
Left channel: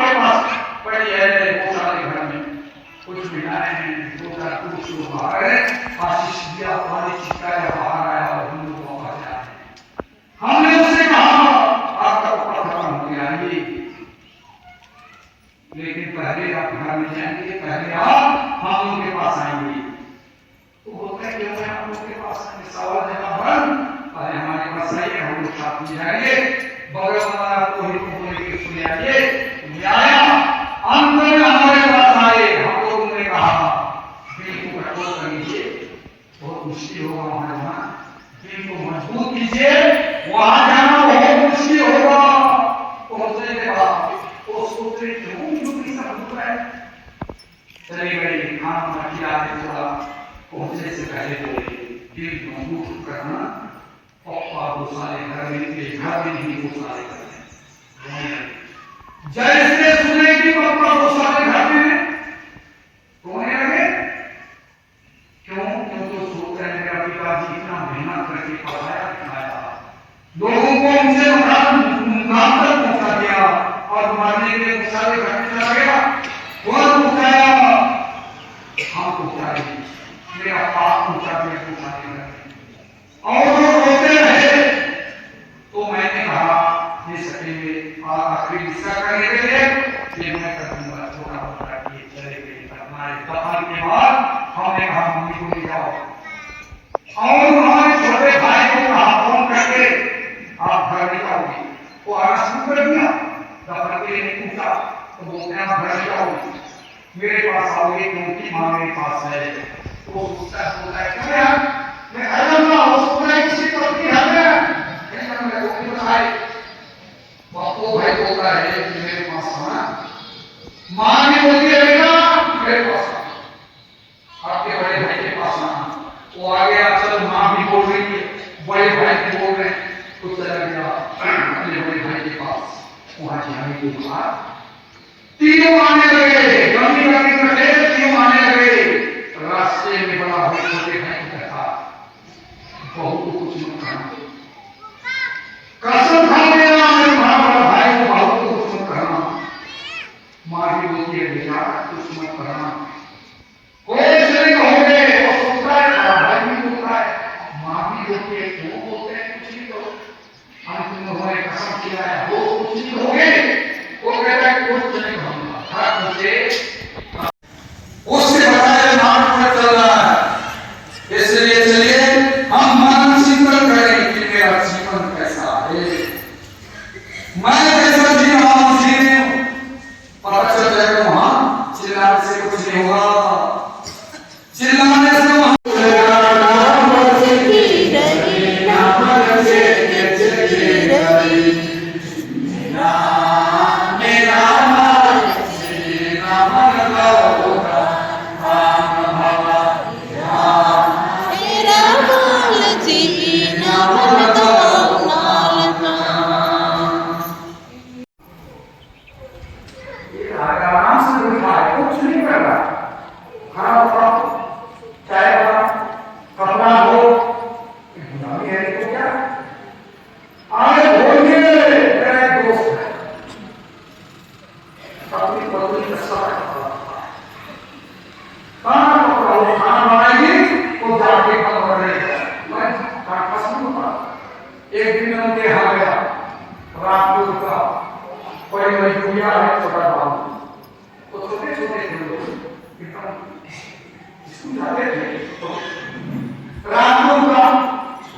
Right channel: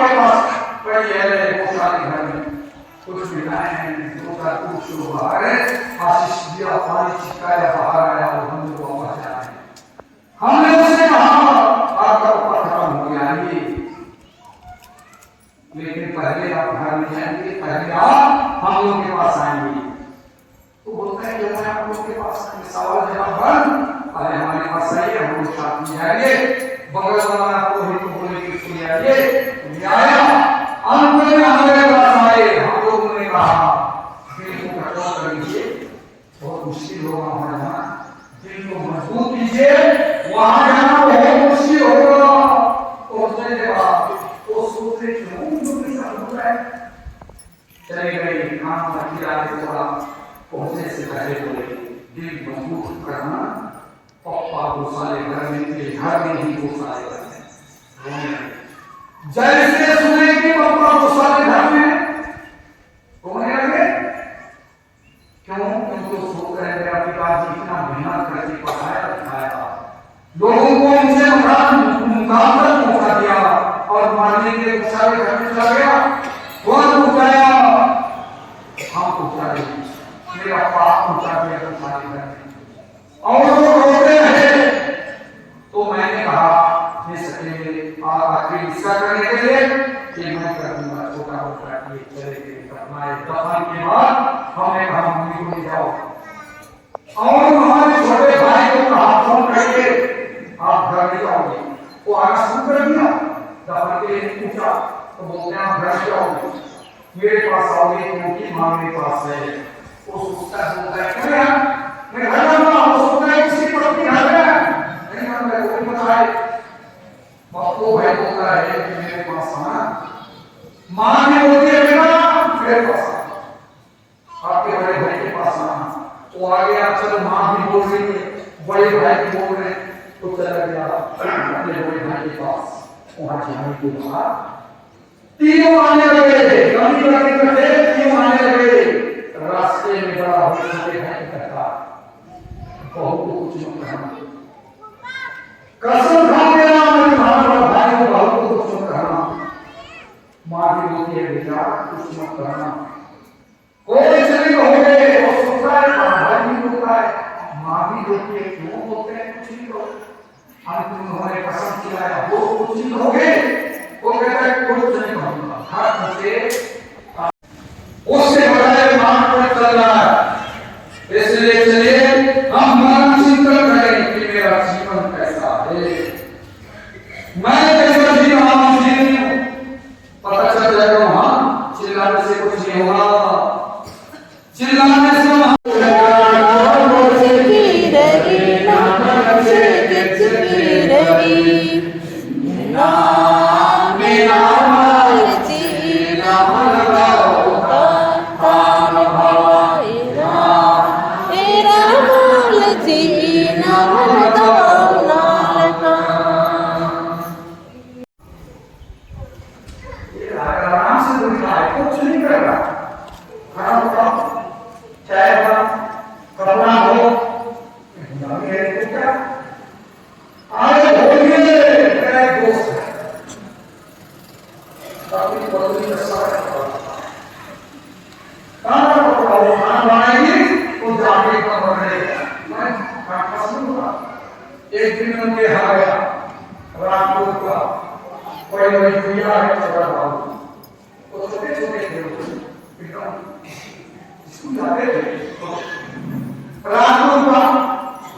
के पास पड़ी है वो सारे घर में कुछ मिलाए हैं, दो का कुछ बाहर है, आशीष दिया पानी छिटकाया बाहर आया और हम लोग वापस आए। हमने उससे कहा आपका ऊपर खत्म हो गया ये, लेकिन पहले आप घर में जाएंगे, पहले आप हम लोग के पास आएंगे। तो बोलते हैं क्यों मैं आप लोग के पास आएंगे, सवाल जवाब बंद, अरे हमारे पास आइए हम लोग साथ में जाएंगे, बगल वाला तो ही तो बोले कि सुने आइए आया, अंत में हमारे पास आए। हम लोगों ने कहा दिल को कठोर करिए, बहुत मुश्किल होगा वहां जाना, दिल को मजबूत कीजिए, वहां जाना बहुत मुश्किल होगा। पहुंचने के बाद तो सोच रहे क्यों चले गए, खाना खिलाते थोड़ा, पहुंचने से पहले बोले दिल मजबूत करना, पप्पा गोसाले घर में थे, घर में ही गोसाले रोने लगे। जैसे सुने कि पप्पा गोसाले घर में रोने लगे, क्यों उनको सोच रहे मेरा पिताजी इतना मेहनत करके पढ़ाया लिखाया, लोगों को उनसे मुकाम तक पहुंचा दिया और मारने के लिए गोसाले घर में चला गया, वह पहुंचाया, हम पहुंचाए, मेरा पाप पहुंचा दिया गोसाले घर में, और वो रोते रहे। तो मैंने कहा दे सकेंगे और आखिरी हिस्सा करने के लिए कि मैं कर दूंगा, छोटा मोटा ये चले गए हमारे दफन के बाद। हमने कहा मम्मी को ले जाओ, और हमारे छोटे भाई को कहा फोन करके आप घर ले जाओगे, वो आना शुरू कर दिया, दफन के लिए नहीं पूछा, तो बोलते हैं आप घर जाओगे, मेरे पास आओगे क्योंकि माँ मेरे पास है। वो सोचता है मैं घर जाऊंगा, वो सोचता है किसी पत्नी घर में नहीं, मैं वो भी बताए बापू भाई बोलता है कि मेरे पास आना, माँ ने बोलती है बेटा मेरे पास आना, आपके बड़े भाई के पास आना। वो आ गया, चलो माँ भी बोल रही है, बड़े भाई भी बोल रहे हैं, तो चला गया अपने बड़े भाई के पास। वहां जाने के बाद तीनों आने लगे, कमी लगी रहे, तीनों आने लगे। रास्ते में बड़ा भाई छोटे भाई का था, बहू को कुछ मत कहना, कसम खा गया बड़ा भाई को बहू को कुछ मत कहना। माँ भी बोलती है बेटा कुछ मत कहना, कोई नहीं कहोगे। वो सोचता है बड़ा भाई भी बोलता है, माँ भी बोलती है क्यों बोलते हैं कुछ नहीं कहो, हम तुम्हारे कसम किया है वो कुछ नहीं कहोगे। वो कहता है कुछ नहीं कहूंगा, हर मुझे उससे बताया नाम पर चल रहा है। इसलिए चलिए हम मन चिंतन करें कि मेरा जीवन कैसा है, मैं कैसा जी रहा हूं, पता चल जाएगा। वहां चिल्लाने से कुछ नहीं होगा, चिल्लाने से आराम से उठा है, कुछ नहीं कर रहा, खाना बनाओ, चाय बनाओ, कपड़ा धो, मेरे को क्या आगे बोलिए मेरे दोस्त है, अपनी पत्नी का साथ खाना पकाओ, खाना बनाएगी तो जाके काम करेगा। मैं काटा सुनूंगा। एक दिन मैं देखा गया रामपुर का कोई मजदूरिया है, छोटा बाबू, तो छोटे छोटे थे एकदम स्कूल जाते थे, रामपुर का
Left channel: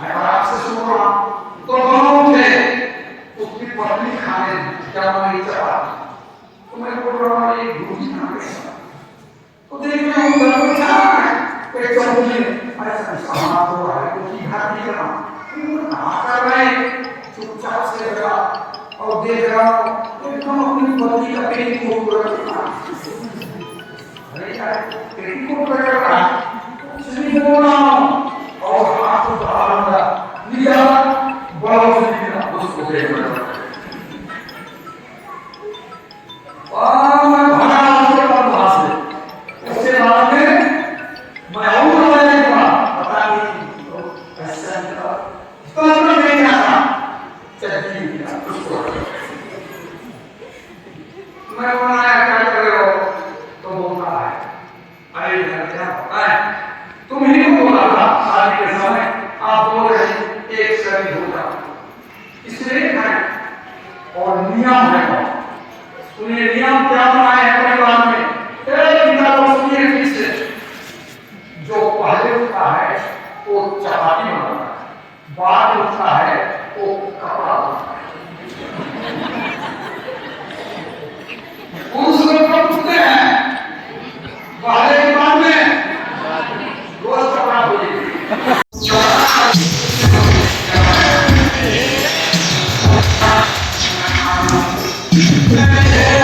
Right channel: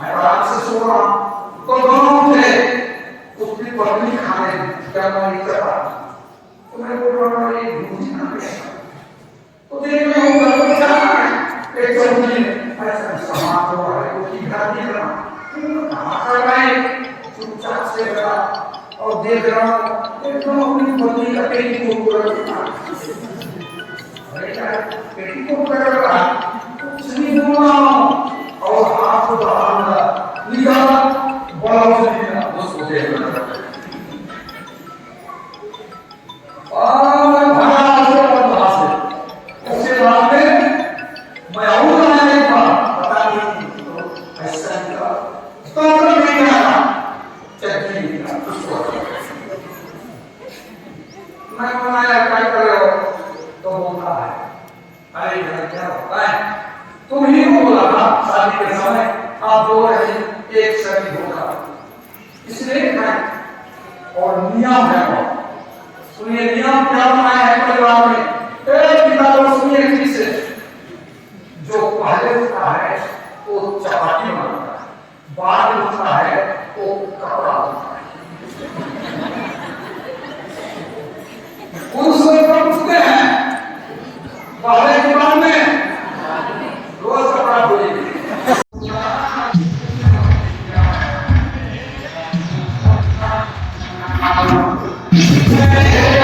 मैं आराम से सो रहा तो दोनों थे, उसकी पत्नी खाने क्या नहीं चला, तो मैं बोल रहा ये रोटी खा गया, तो देख रहा हूँ घर पर क्या है, एक सब्जी ऐसा समाप्त हो रहा है, रोटी खा दिया, कहाँ कर रहे हैं, चुपचाप से बैठा और देख रहा हूँ एकदम अपनी पत्नी का पेटीकोट कर रहा कुछ नहीं बोला और हाथ को दबाऊंगा लिया बहुत उसको देख रहा और भरा से उसके बाद में मैं और मैंने पता नहीं ऐसा निकला 15 महीना का चट्टी उसको मैं बनाया क्या कर रहे हो, तो बोलता है अरे क्या होता है, तुम ही बोला था शादी के समय आप बोल रहे एक शरीर होगा, इसलिए है और नियम है। सुनिए नियम क्या बनाया है परिवार में, एक पिता को सुनिए ठीक से, जो पहले उठता है वो चपाती बनाता है, बाद उठता है वो कपड़ा बनाता है। उन समय पर उठते हैं पहले के बाद में रोज कपड़ा धोइए। Thank you.